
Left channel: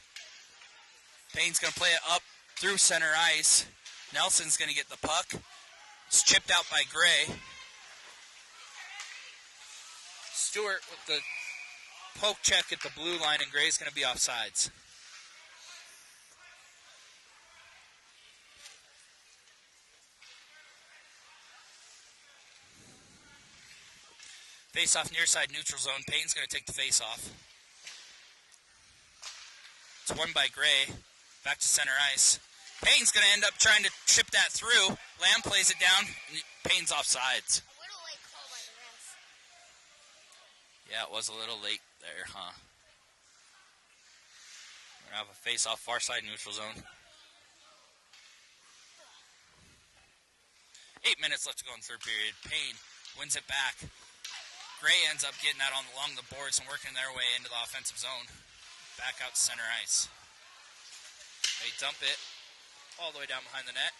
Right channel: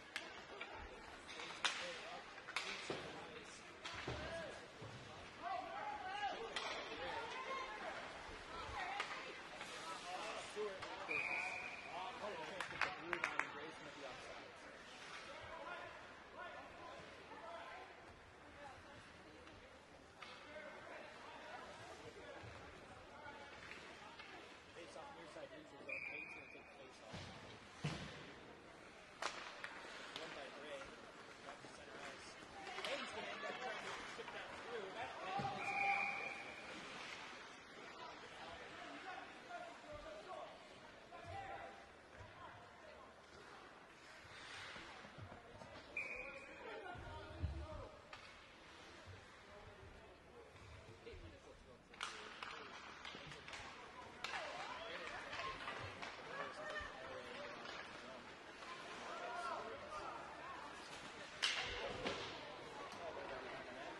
Payne's going to play it up through center ice. Nelson's going to get the puck. It's chipped out by Gray. Stewart with the poke check at the blue line, and Gray's going to be offsides. Face-off near side neutral zone. Payne's going to take the face-off. It's won by Gray. Back to center ice. Payne's going to end up trying to chip that through. Lamb plays it down. And Payne's offsides. What do they call it? Yeah, it was a little late there, huh? We're gonna have a face-off far side neutral zone. 8 minutes left to go in the third period. Payne wins it back. Gray ends up getting that along the boards and working their way into the offensive zone. Back out to center ice. They dump it all the way down behind the net.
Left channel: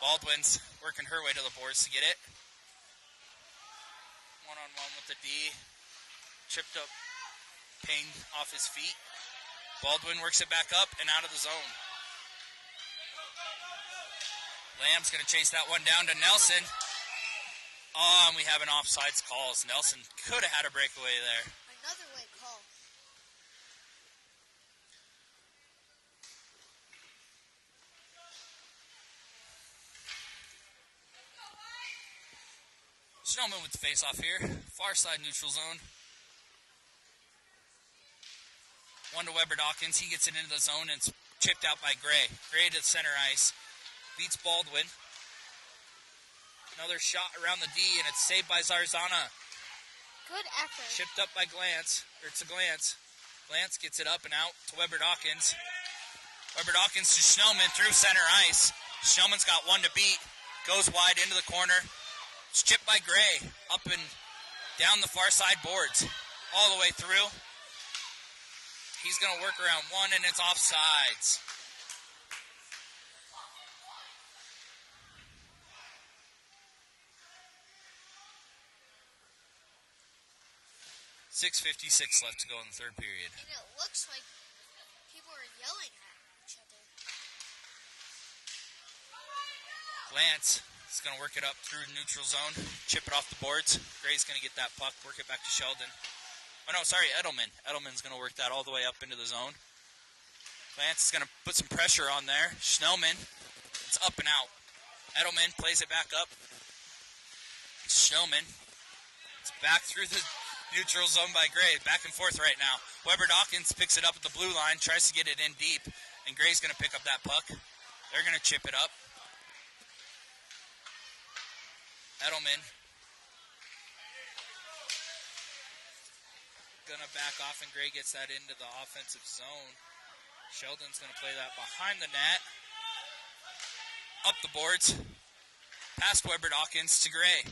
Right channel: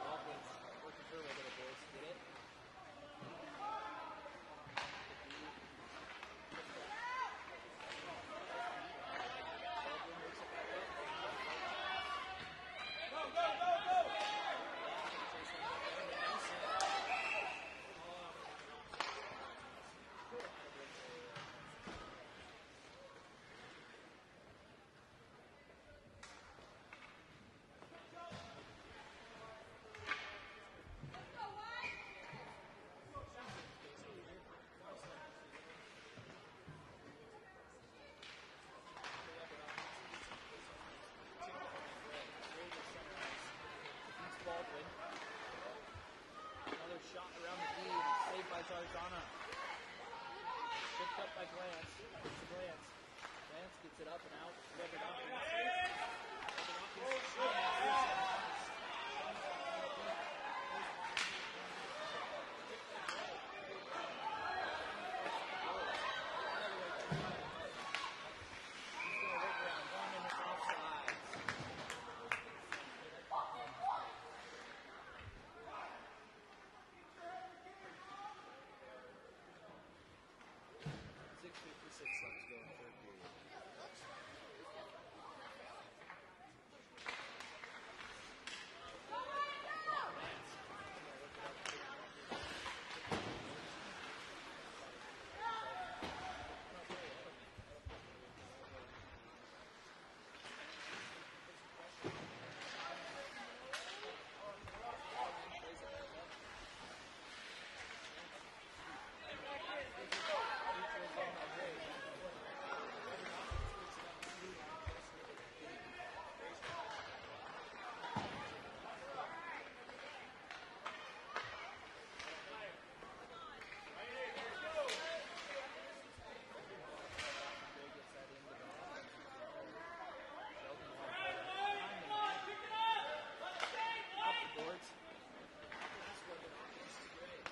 Baldwin's working her way to the boards to get it. One-on-one with the D. Tripped up Payne off his feet. Baldwin works it back up and out of the zone. Lamb's going to chase that one down to Nelson. Oh, and we have an offsides call. Nelson could have had a breakaway there. Another late call. Snowman with the face-off here. Far side neutral zone. One to Weber Dawkins. He gets it into the zone and it's chipped out by Gray. Gray to the center ice. Beats Baldwin. Another shot around the D, and it's saved by Zarzana. Good effort. Chipped up by Glantz. Or it's a Glantz. Glantz gets it up and out to Weber Dawkins. Weber Dawkins to Schnellman through center ice. Schnellman's got one to beat. Goes wide into the corner. It's chipped by Gray. Up and down the far side boards. All the way through. He's going to work around one, and it's offsides. 6:56 left to go in the third period. And it looks like people are yelling at him. Lance is going to work it up through neutral zone, chip it off the boards. Gray's going to get that puck, work it back to Sheldon. Oh no, sorry, Edelman. Edelman's going to work that all the way up into the zone. Lance is going to put some pressure on there. Schnellman, it's up and out. Edelman plays it back up. Schnellman, it's back through the neutral zone by Gray. Back and forth right now. Weber Dawkins picks it up at the blue line, tries to get it in deep, and Gray's going to pick up that puck. They're going to chip it up. Edelman going to back off, and Gray gets that into the offensive zone. Sheldon's going to play that behind the net. Up the boards. Past Weber Dawkins to Gray.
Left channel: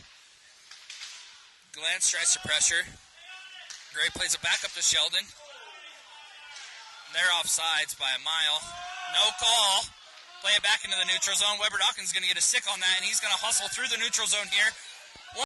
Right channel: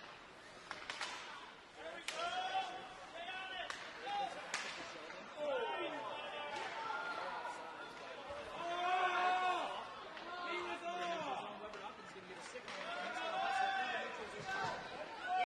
Glantz tries to pressure. Gray plays it back up to Sheldon. They're offsides by a mile. No call. Play it back into the neutral zone. Weber Dawkins is going to get a stick on that, and he's going to hustle through the neutral zone here.